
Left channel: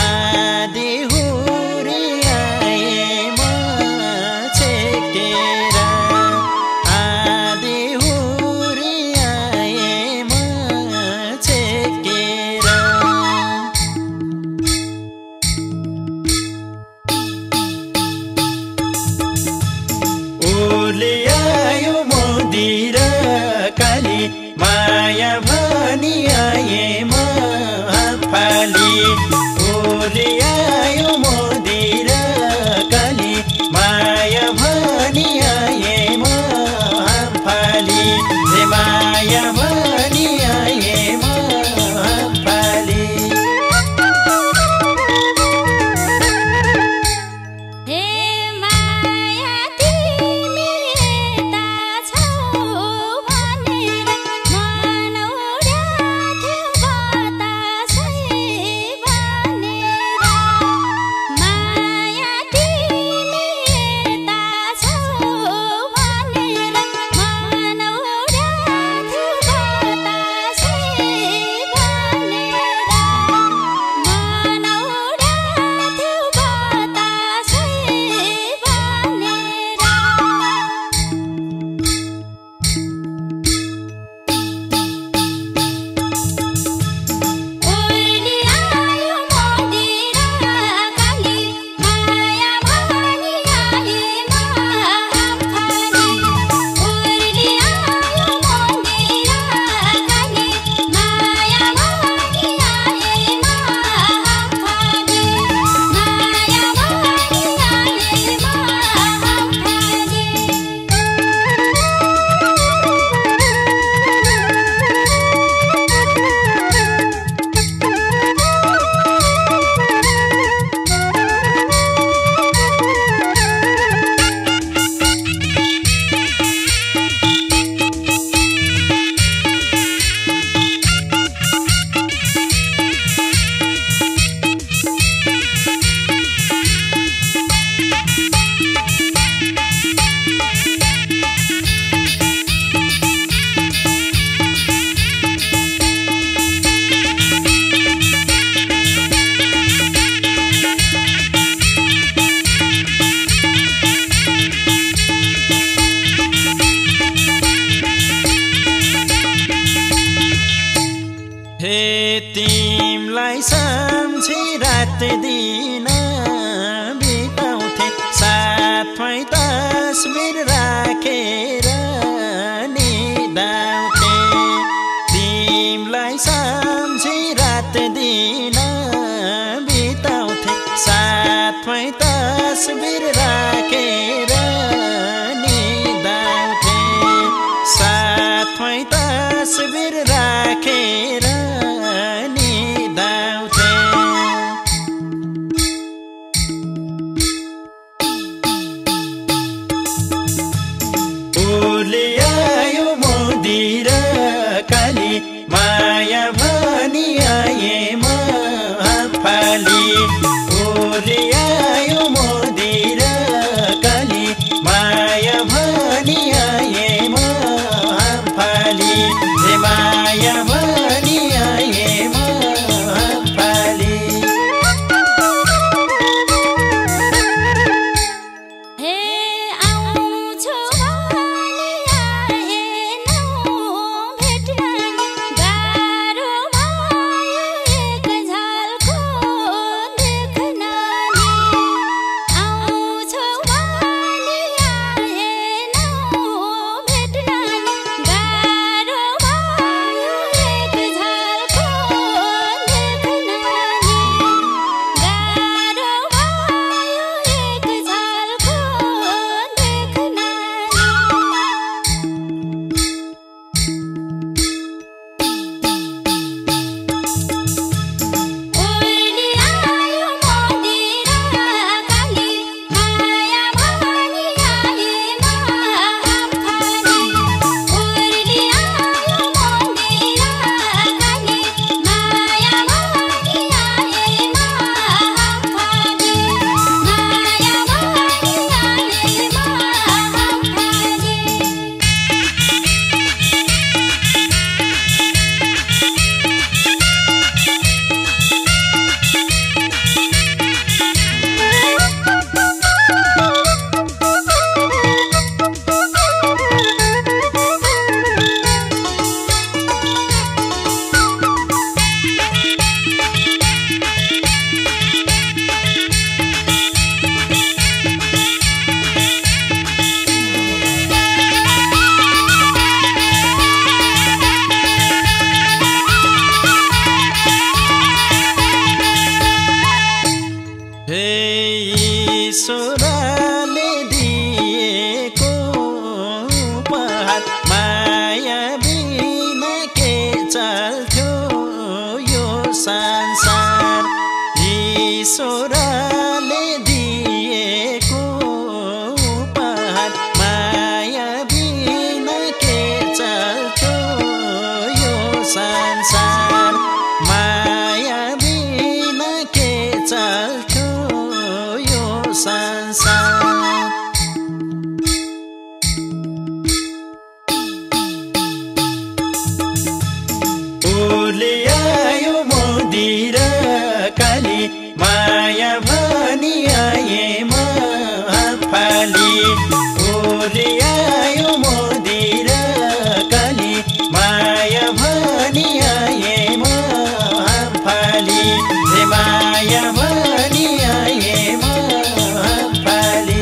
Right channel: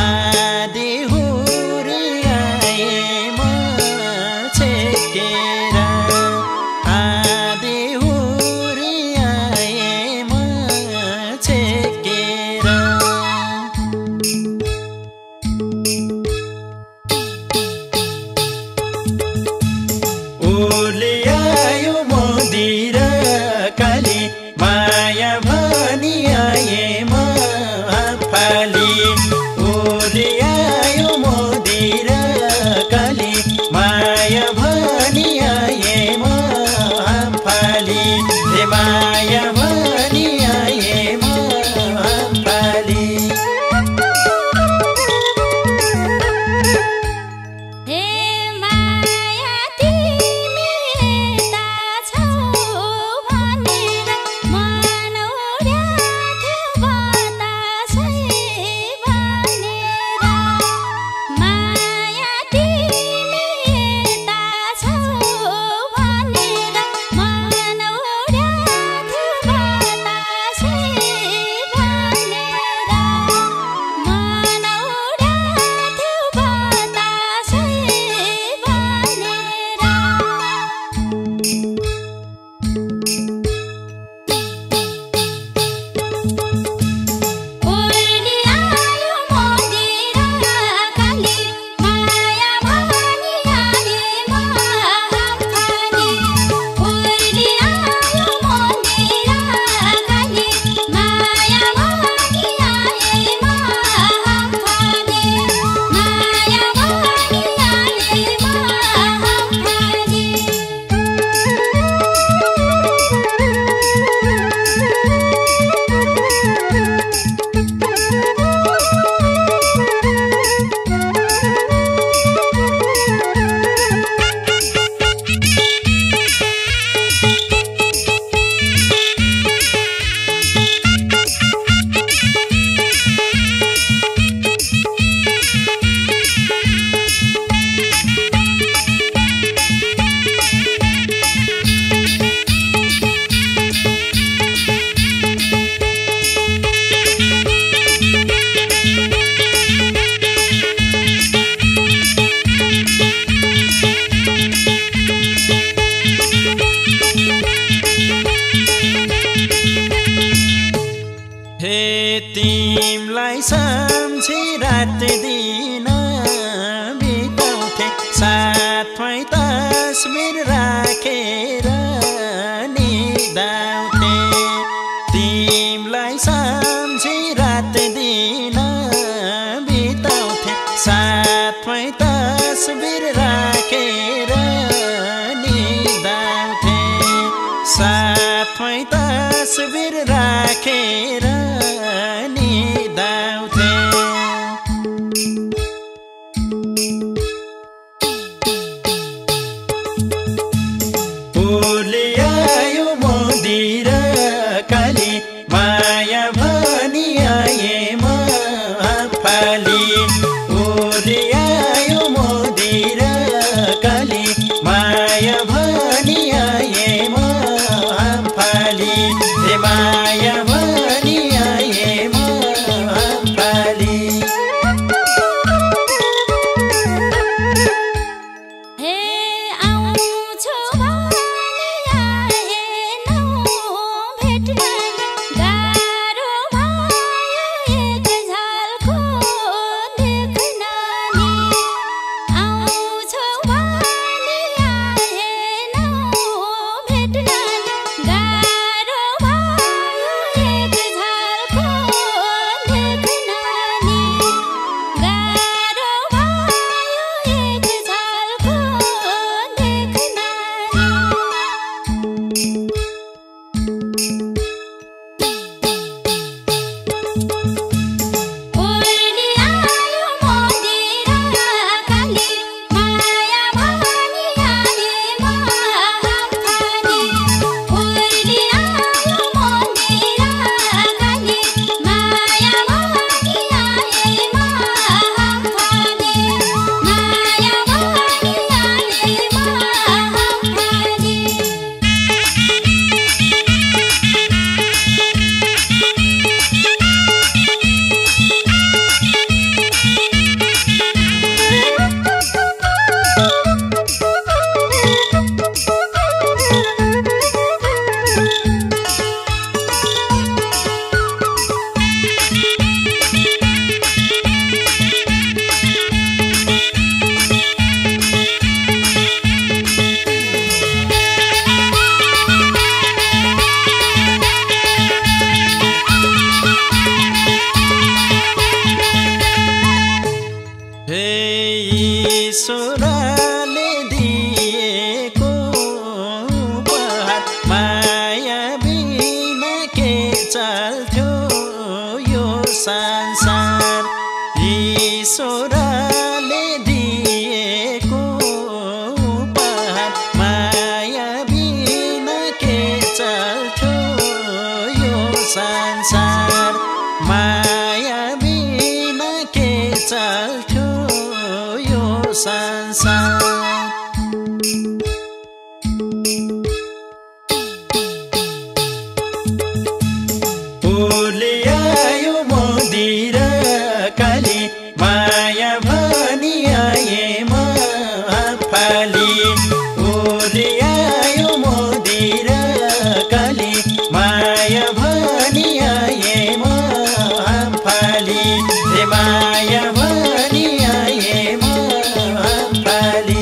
आधी हुरी आए म छेकेर आधी हुरी आए म छेकेर ओले आयो मोदिर काली माया भनी आए म फाली ओले आयो मोदिर काली माया भनी आए म फाली हे माया भनी आए म फाली हे माया तिमी यता छौ भनेर मनौरा थियो बतासै भनेर माया तिमी यता छौ भनेर मनौरा थियो बतासै भनेर मनौरा थियो बतासै भनेर ओली आयो मोदिर काली माया भनी आए म फाली ओली आयो मोदिर काली माया भनी आए म फाली माया भनी आए म फाली हे तिमलाई सम्झी रात दिन बिताउँथे साथमै तस्बिर राखेर निदाउँथे तिमलाई सम्झी रात दिन बिताउँथे साथमै तस्बिर राखेर निदाउँथे साथमै तस्बिर राखेर निदाउँथे ओले आयो मोदिर काली माया भनी आए म फाली ओले आयो मोदिर काली माया भनी आए म फाली हे माया भनी आए म फाली हे आउँछु भनी आएनौ भेट्न नि गाह्रो भयो एक झल्को देख्न नि ईश्वरले दिएको उपहार माया बिना के चल्थ्यो यो संसार ईश्वरले दिएको उपहार माया बिना के चल्थ्यो यो संसार माया बिना के चल्थ्यो यो संसार उसले आयो मोदी र काली माया भनी आए महाफाली उसले आयो मोदी र काली माया भनी आए महाफाली हे माया भनी आए महाफाली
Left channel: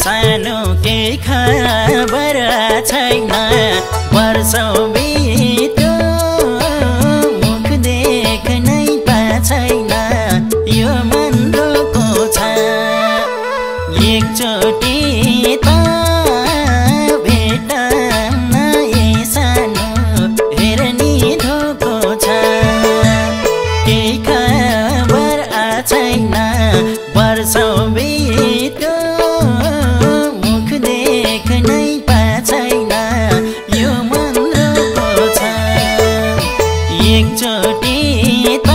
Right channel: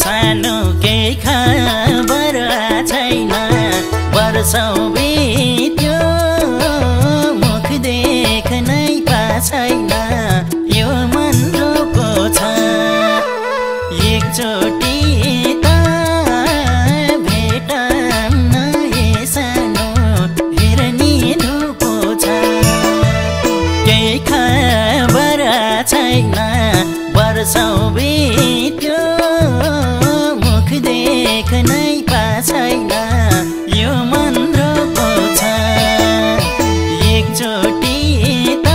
सानो के खबर छैन वर्षौं बित्यो मुख देख्नै पाछैन यो मन रोको छ एकचोटि त भेटौँ न हे सानो हेर्ने धोको छ केही खबर छैन वर्षौं बित्यो मुख देख्नै पाछैन यो मन रोको छ एकचोटि त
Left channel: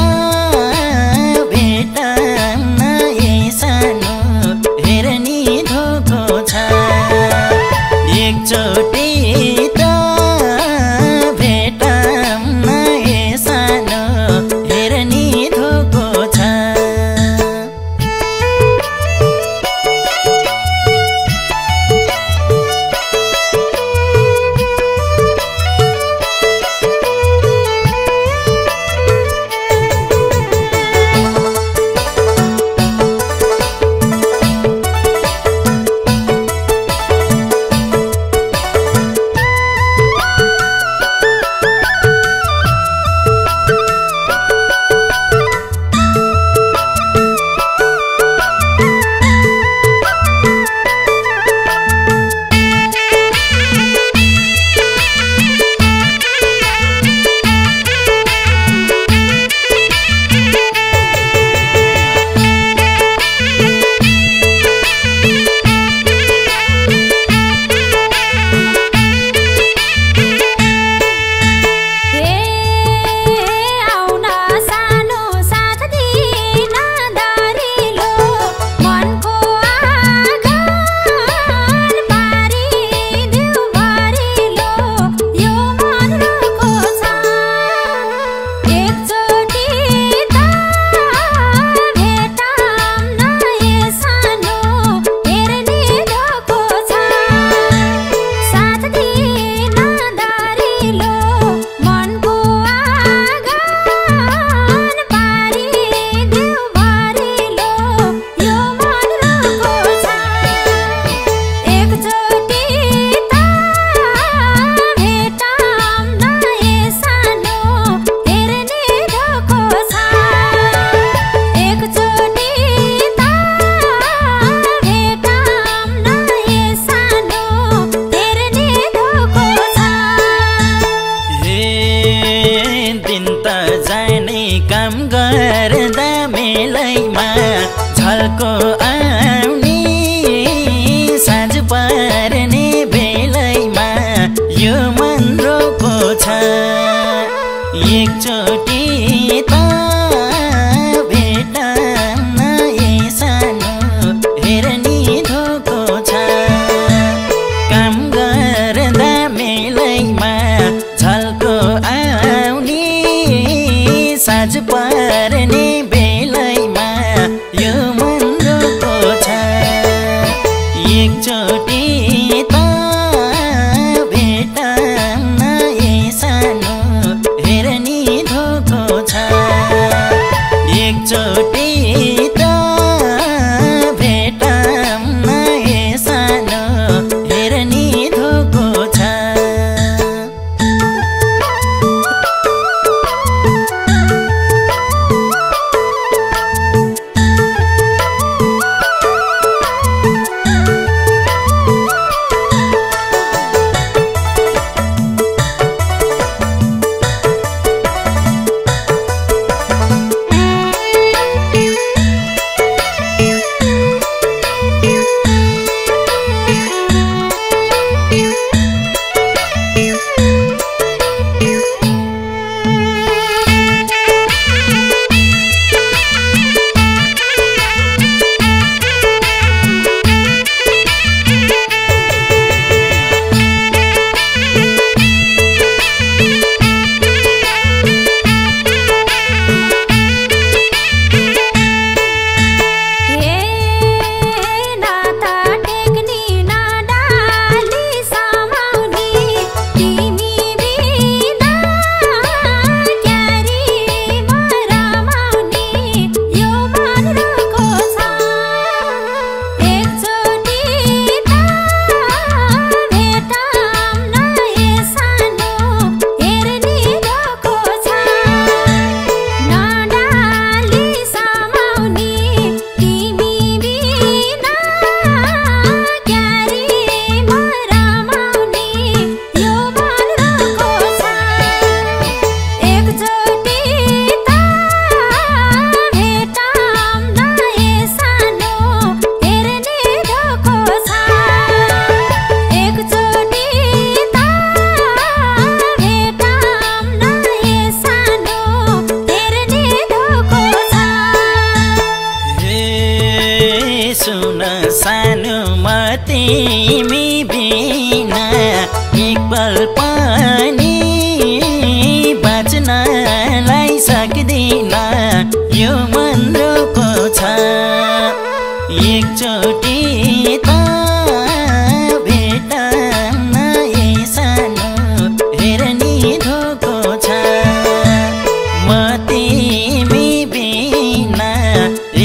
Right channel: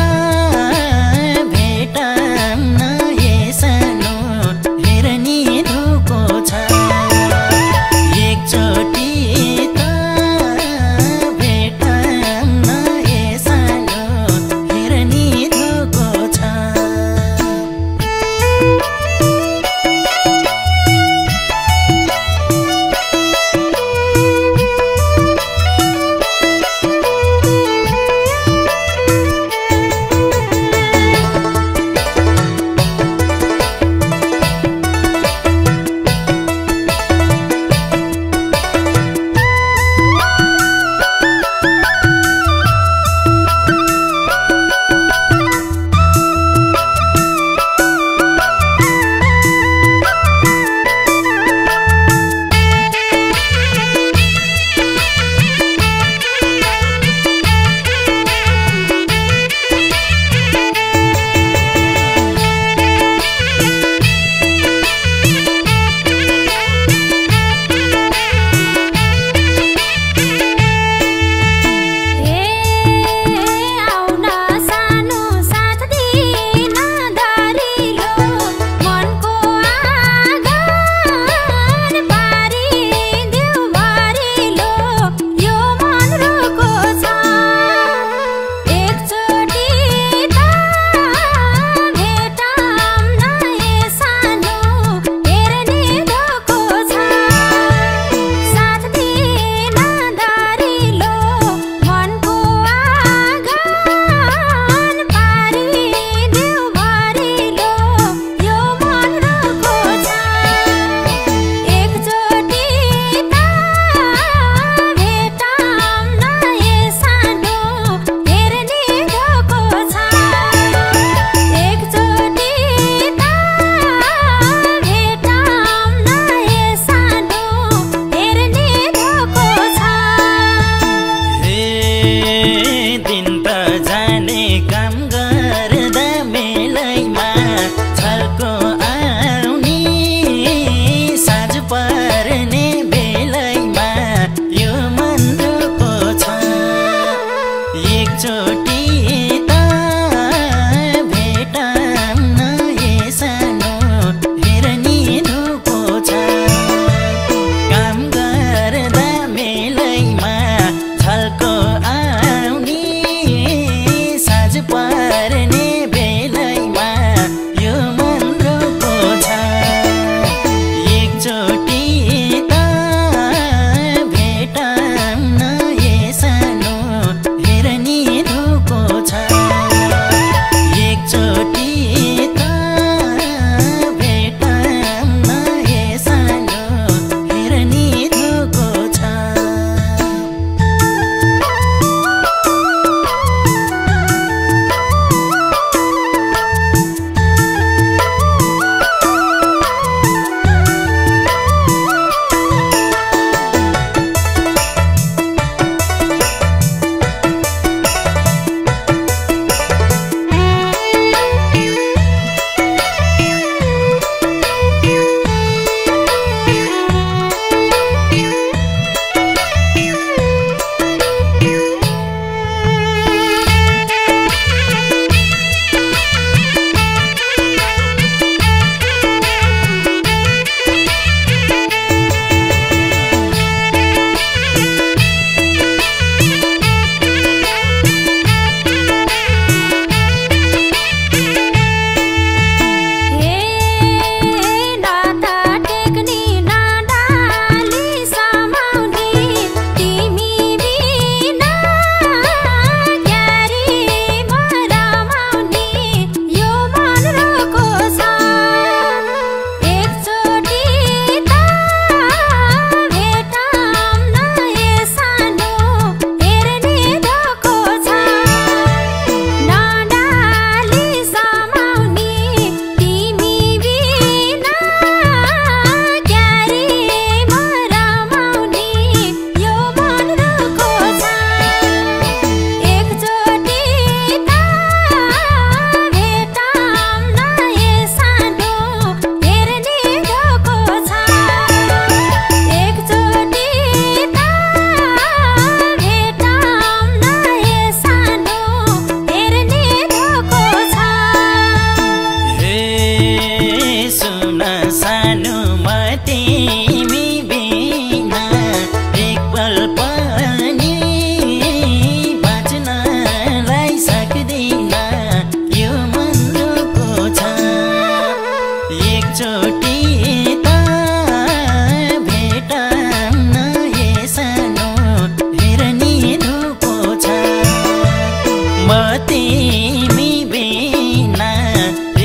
तिमी बिना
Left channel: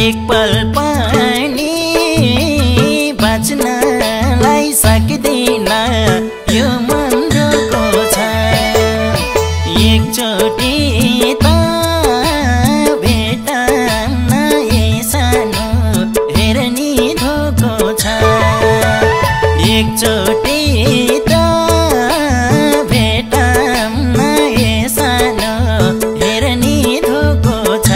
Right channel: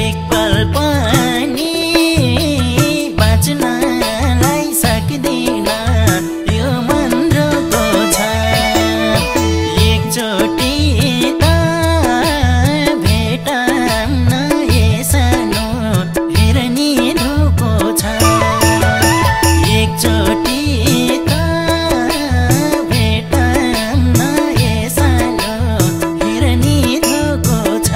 एक पल पनि बाँच्नलाई सक्दिन यो मन रोको छ एकचोटि त भेटन्न ए सानो हेर नि धोको छ एकचोटि त भेटन्न ए सानो हेर नि धोको छ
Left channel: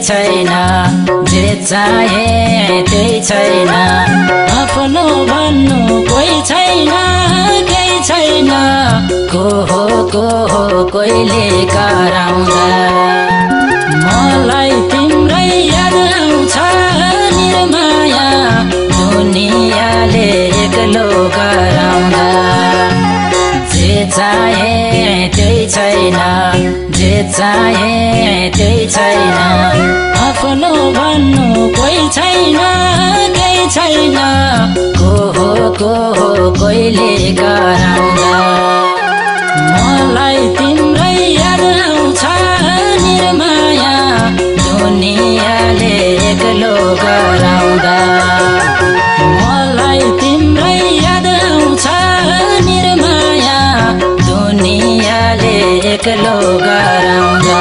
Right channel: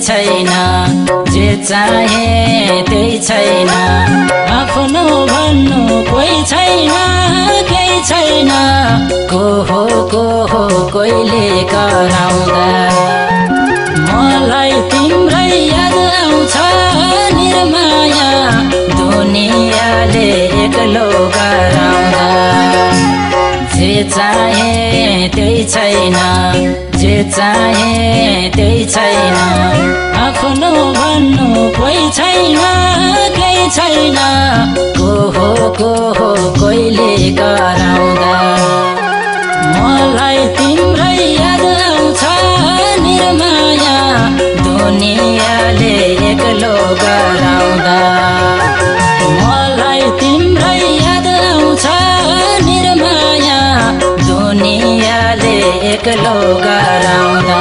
छैन जे चाहे त्यही छैन आफ्नो भन्नु कोही छैन केही छैन को हो कोहीले कराउँदा मलाई तिम्रै याद आउँछ निर्माया दुनियाँले एक्लो गराउँदा जे चाहे त्यही छैन जे चाहे त्यही छैन आफ्नो भन्नु कोही छैन केही छैन को हो कोहीले गराउँदा मलाई तिम्रै याद आउँछ निर्माया दुनियाँले एक्लो गराउँदा मलाई तिम्रै याद आउँछ निर्माया दुनियाँले एक्लो गराउँदा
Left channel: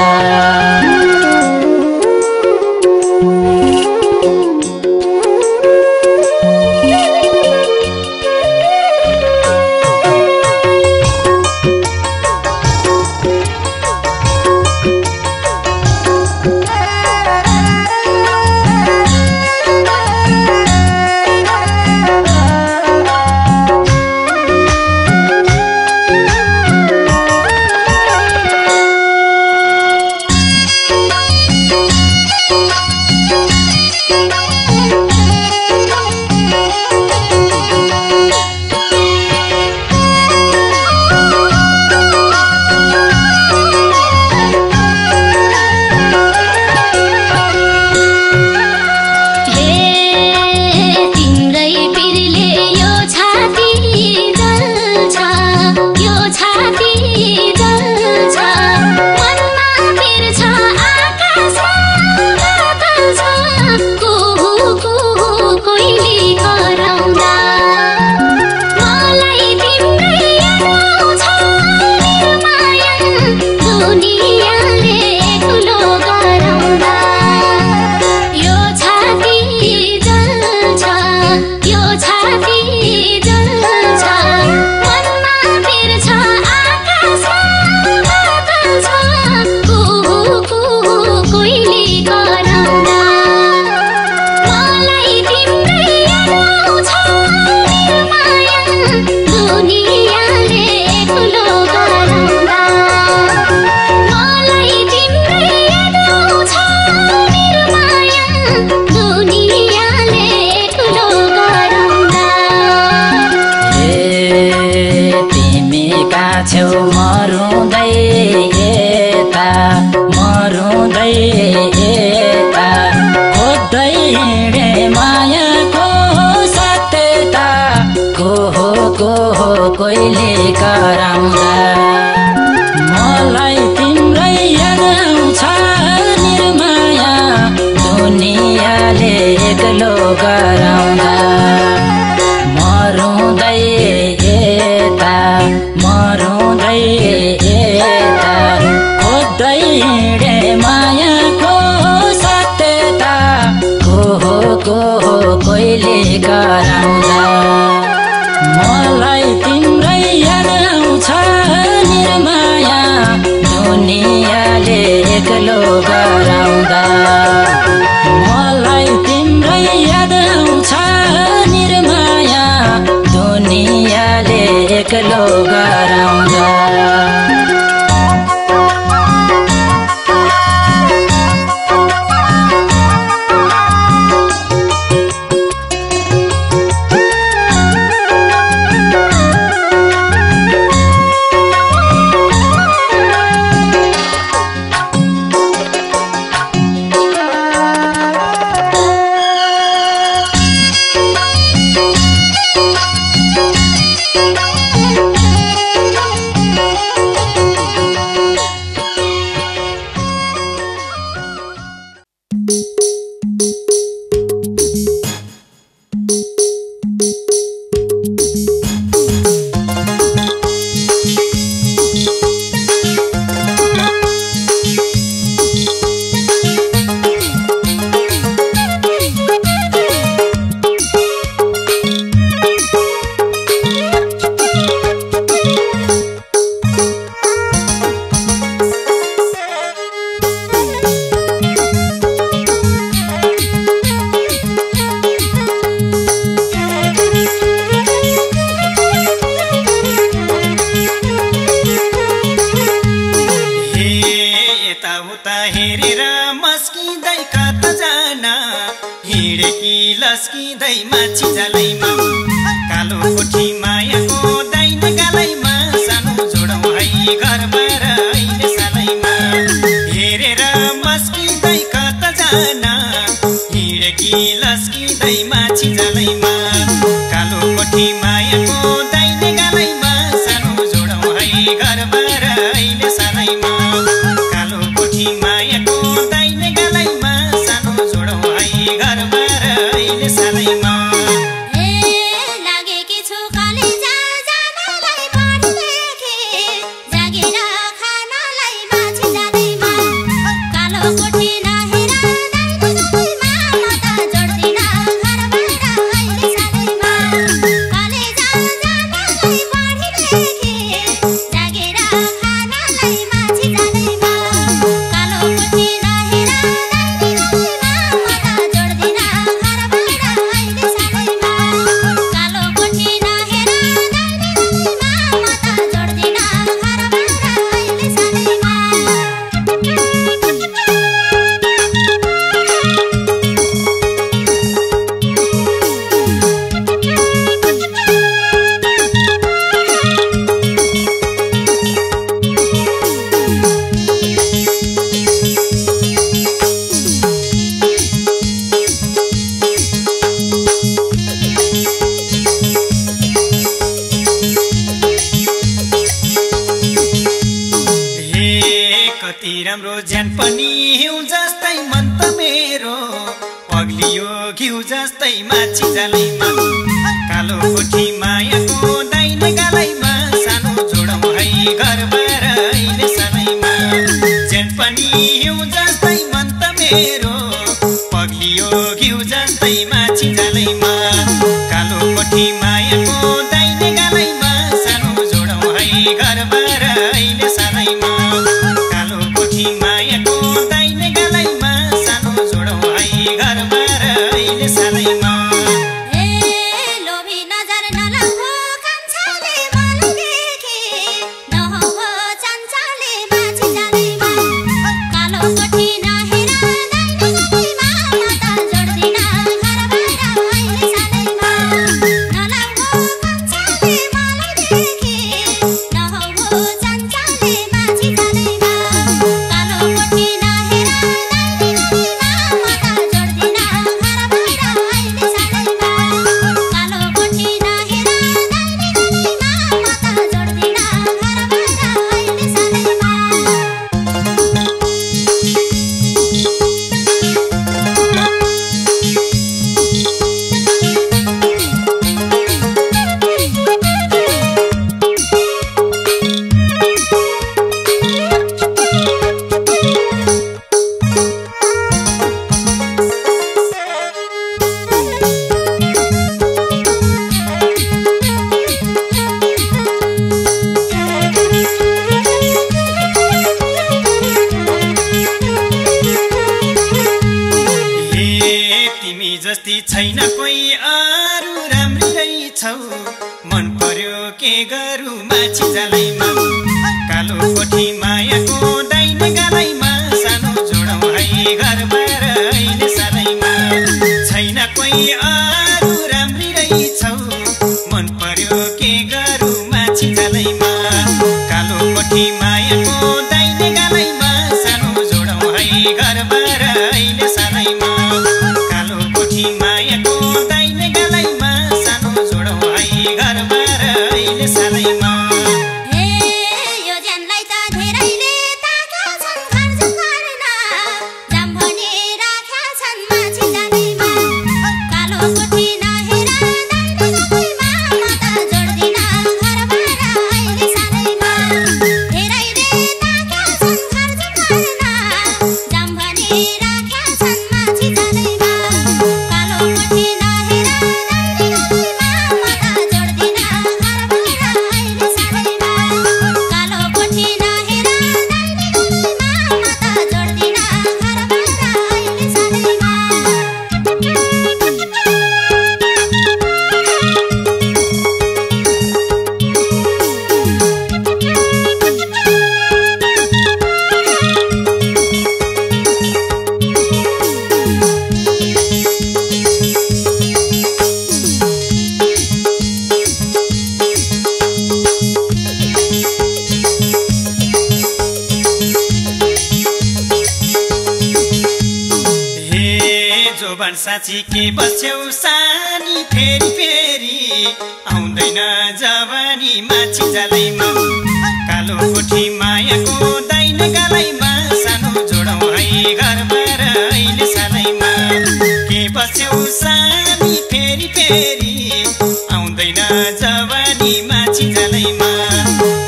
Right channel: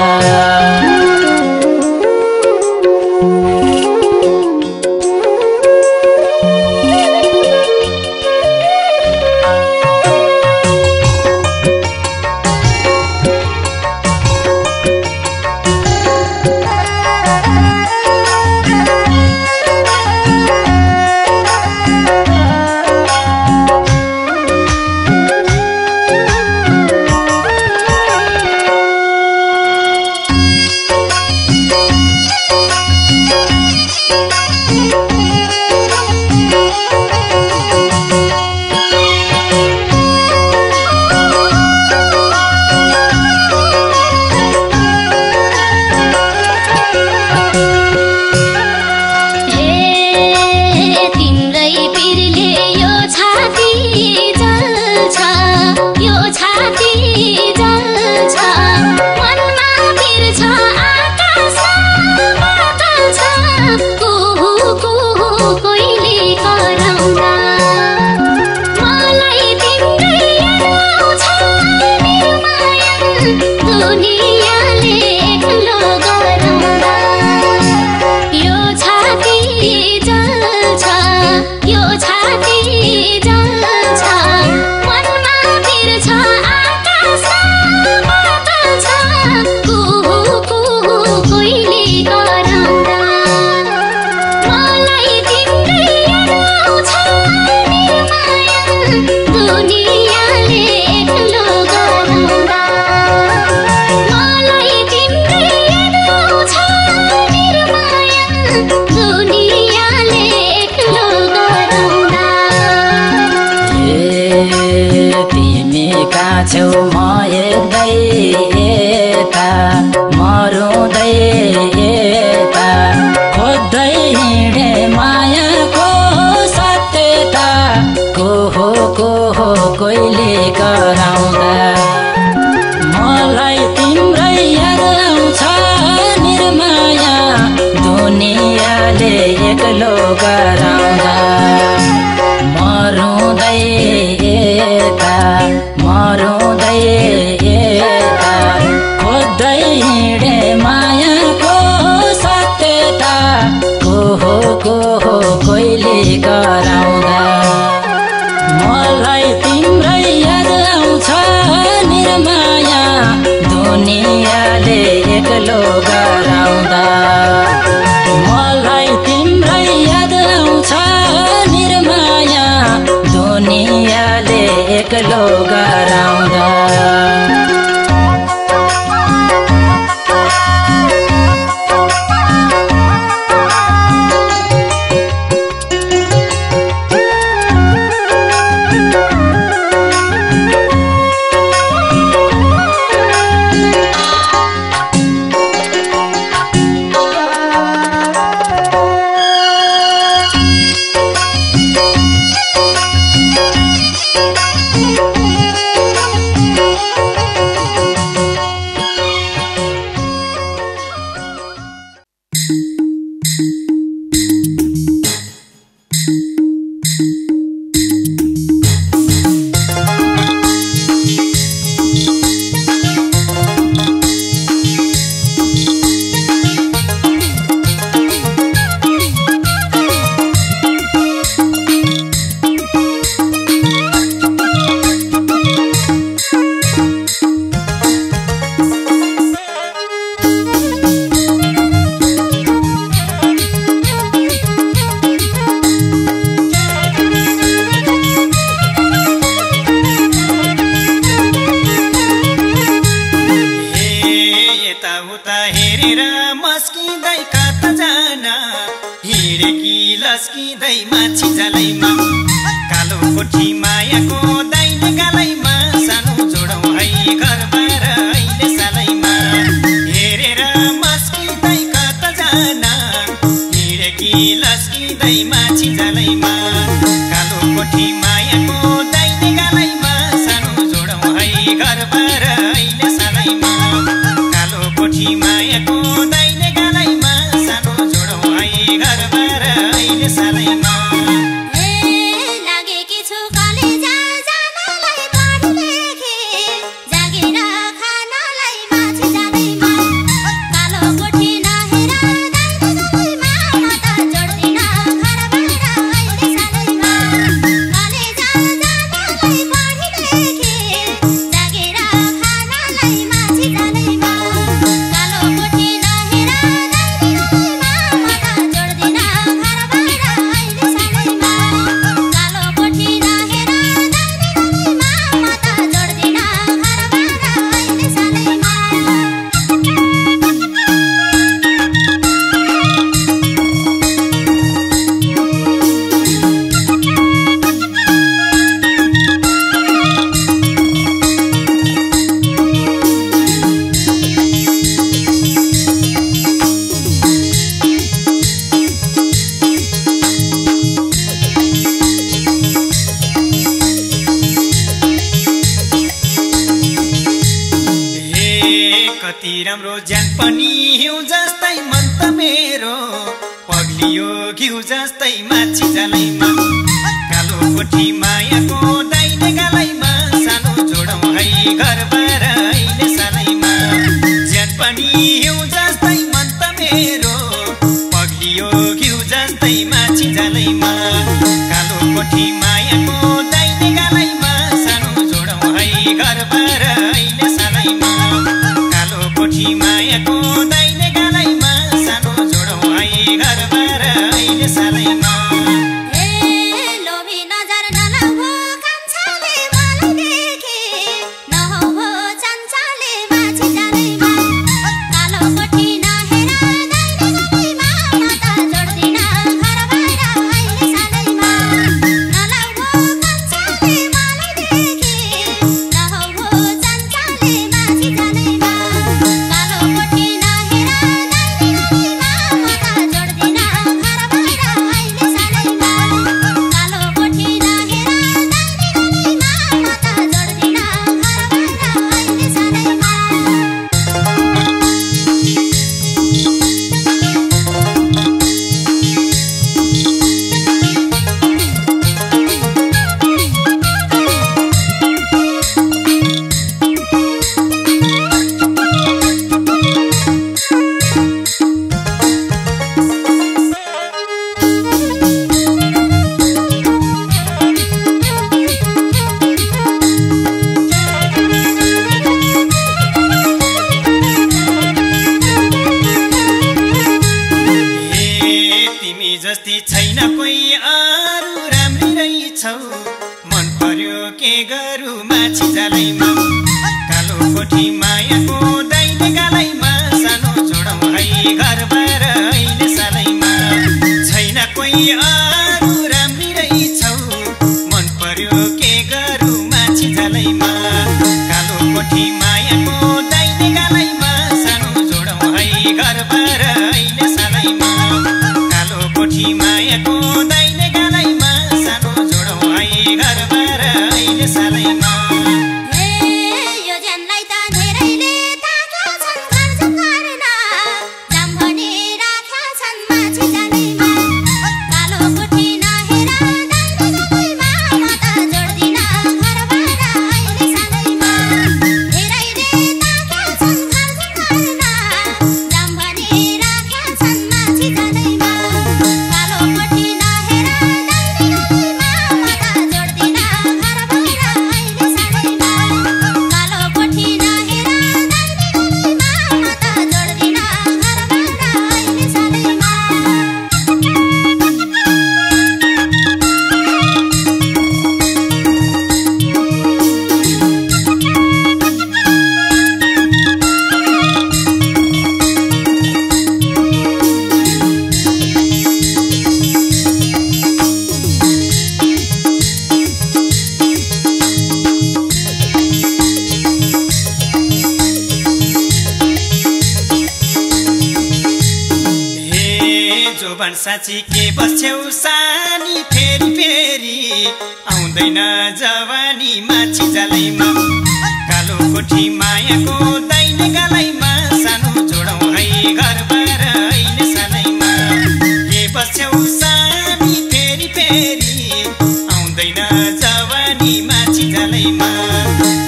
कोहीले कराउँदा मलाई तिम्रै याद आउँछ निर्माया दुनियाँले एक्लो गराउँदा मरुँदै यता खोज्दै हिँडे मायाको सत्यता को हो कोहीले गराउँदा मलाई तिम्रै याद आउँछ निर्माया दुनियाँले एक्लो गराउँदा मलाई तिम्रै याद आउँछ निर्माया दुनियाँले एक्लो गराउँदा लस्किँदै माछी जालैमा कालो कोठी मायाको दाइन गालैमा सानो जोडौँ है घरबार अहिले सालैमा हेरेर मस्किँदै कता जान हिँडेकी लस्किँदै माछी जालैमा कालो कोठी मायाको दाइन गालैमा सानो जोडौँ है घरबार अहिले सालैमा कालो कोठी मायाको दाइन गालैमा सानो जोडौँ है घरबार अहिले सालैमा कति राम्रो ज्यान पनि हिउँ जस्तै मन त मेरो पग्लियो घिउ जस्तै माछी जालैमा कालो कोठी मायाको दाइन गालैमा सानो जोडौँ है घरबार अहिले सालैमा ज्यान पनि हिउँ जस्तै मन त मेरो पग्लियो घिउ जस्तै माछी जालैमा कालो कोठी मायाको दाइन गालैमा सानो जोडौँ है घरबार अहिले सालैमा कोठी मायाको दाइन गालैमा सानो जोडौँ है घरबार अहिले सालैमा जस्ती छैन कोही अरू राम्री रहेछौ मन पर्यो के गरौँ माछी जालैमा कालो कोठी मायाको दाइन गालैमा सानो जोडौँ है घरबार अहिले सालैमा छैन कोही अरू राम्री रहेछौ मन पर्यो के गरौँ माछी जालैमा कालो कोठी मायाको दाइन गालैमा सानो जोडौँ है घरबार अहिले सालैमा कोठी मायाको दाइन गालैमा सानो जोडौँ है घरबार अहिले सालैमा Salayma भन् साँची के बस्छौ सानी फेरि फेरि आउँदैन जवानी माछी जालैमा कालो कोठी मायाको दाइने गालैमा सानो जोडौँ है घरबार अहिले सालैमा के बस्छौ सानी फेरि फेरि आउँदैन जवानी माछी जालैमा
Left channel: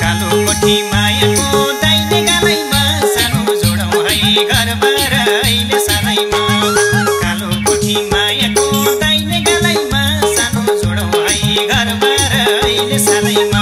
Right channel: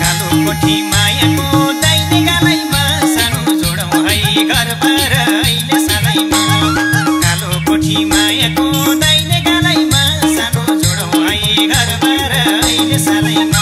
कालो कोठी मायाको दाइने गालैमा सानो जोडौँ है घरबार अहिले सालैमा कालो कोठी मायाको दाइने गालैमा सानो जोडौँ है घरबार अहिले सालैमा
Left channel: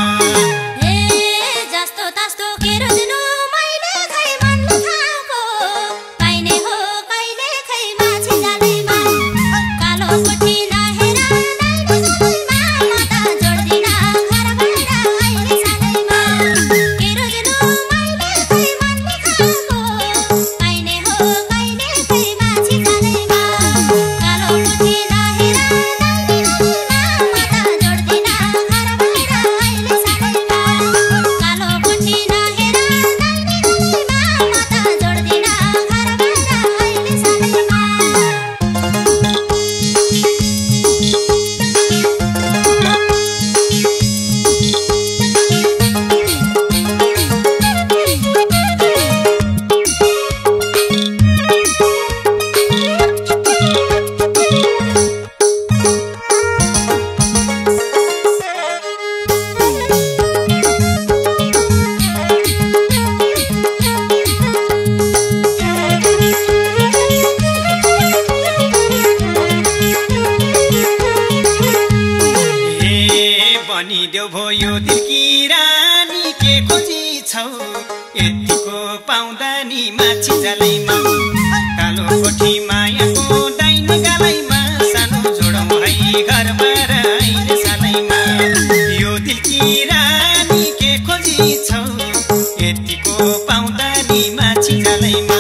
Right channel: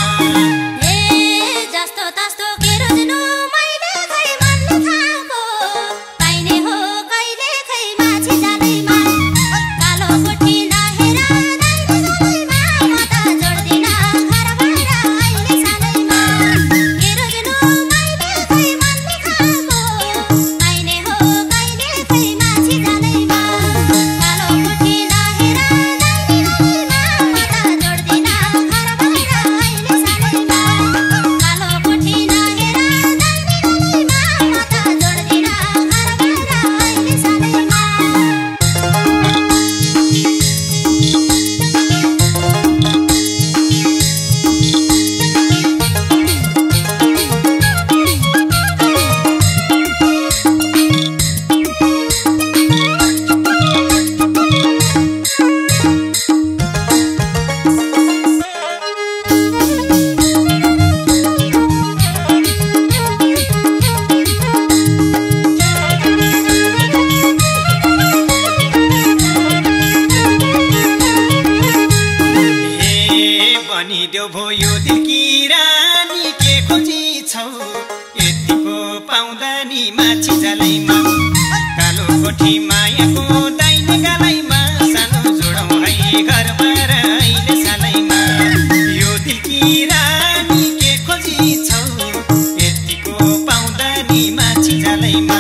देऊ भयो दिलकी रानी के खोजी छौ यतिको पाउँदा नि माछी जालैमा कालो कोठी मायाको दाइने गालैमा सानो जोडौँ है घरबार अहिले सालैमा यो दिलकी रानी के खोजी छौ यतिको पाउँदा नि माछी जालैमा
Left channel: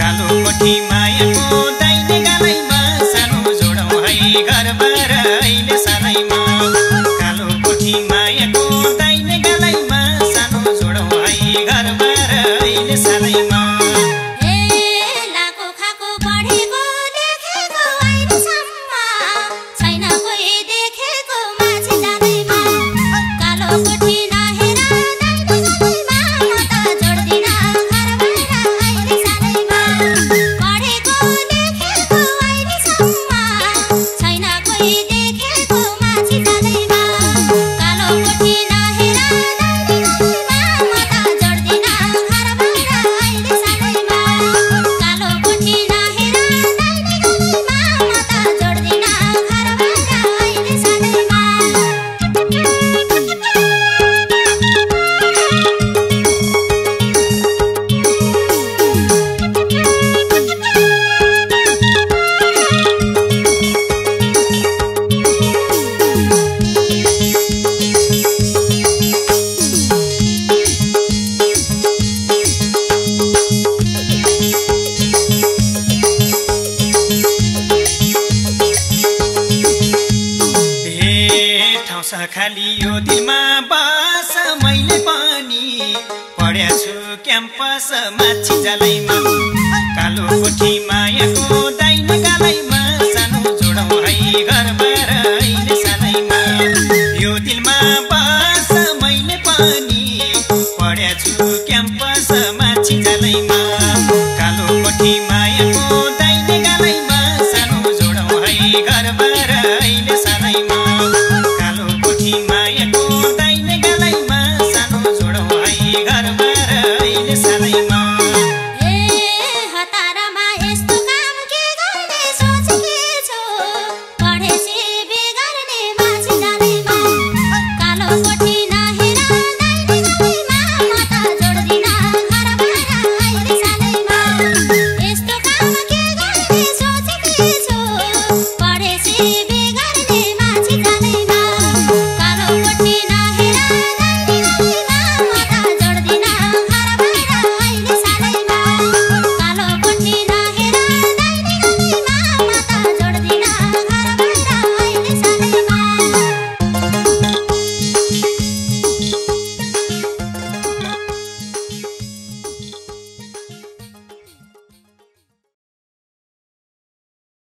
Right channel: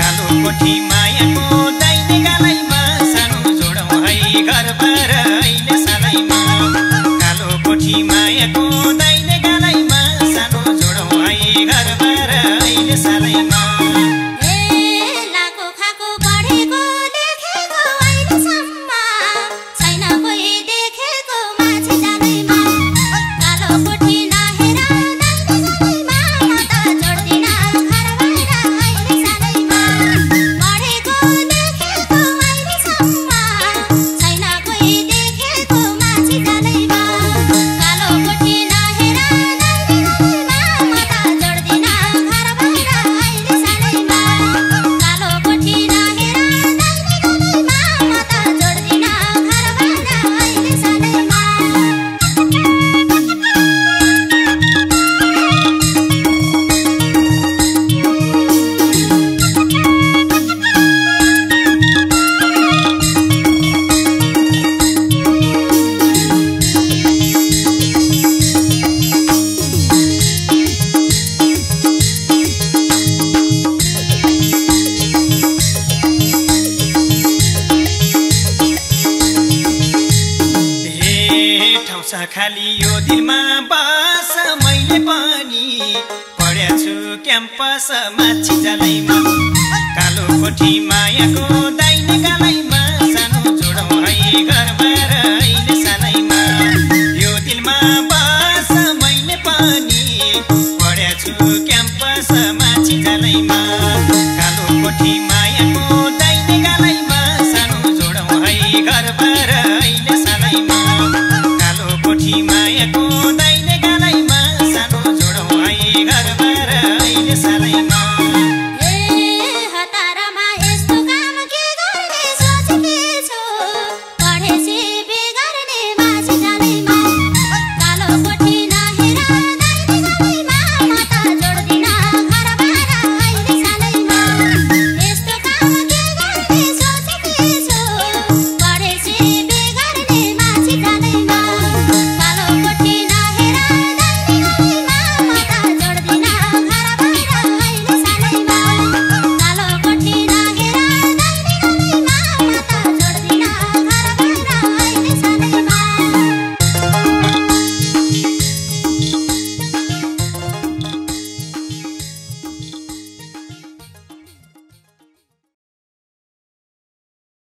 कालो कोठी मायाको दाइने गालैमा सानो जोडौँ है घरबार अहिले सालैमा कोठी मायाको दाइने गालैमा सानो जोडौँ है घरबार अहिले सालैमा खाली यो दिलमा बास मैले पनि पढ्या छु क्याम्पस माछी जालैमा कालो कोठी मायाको दाइने गालै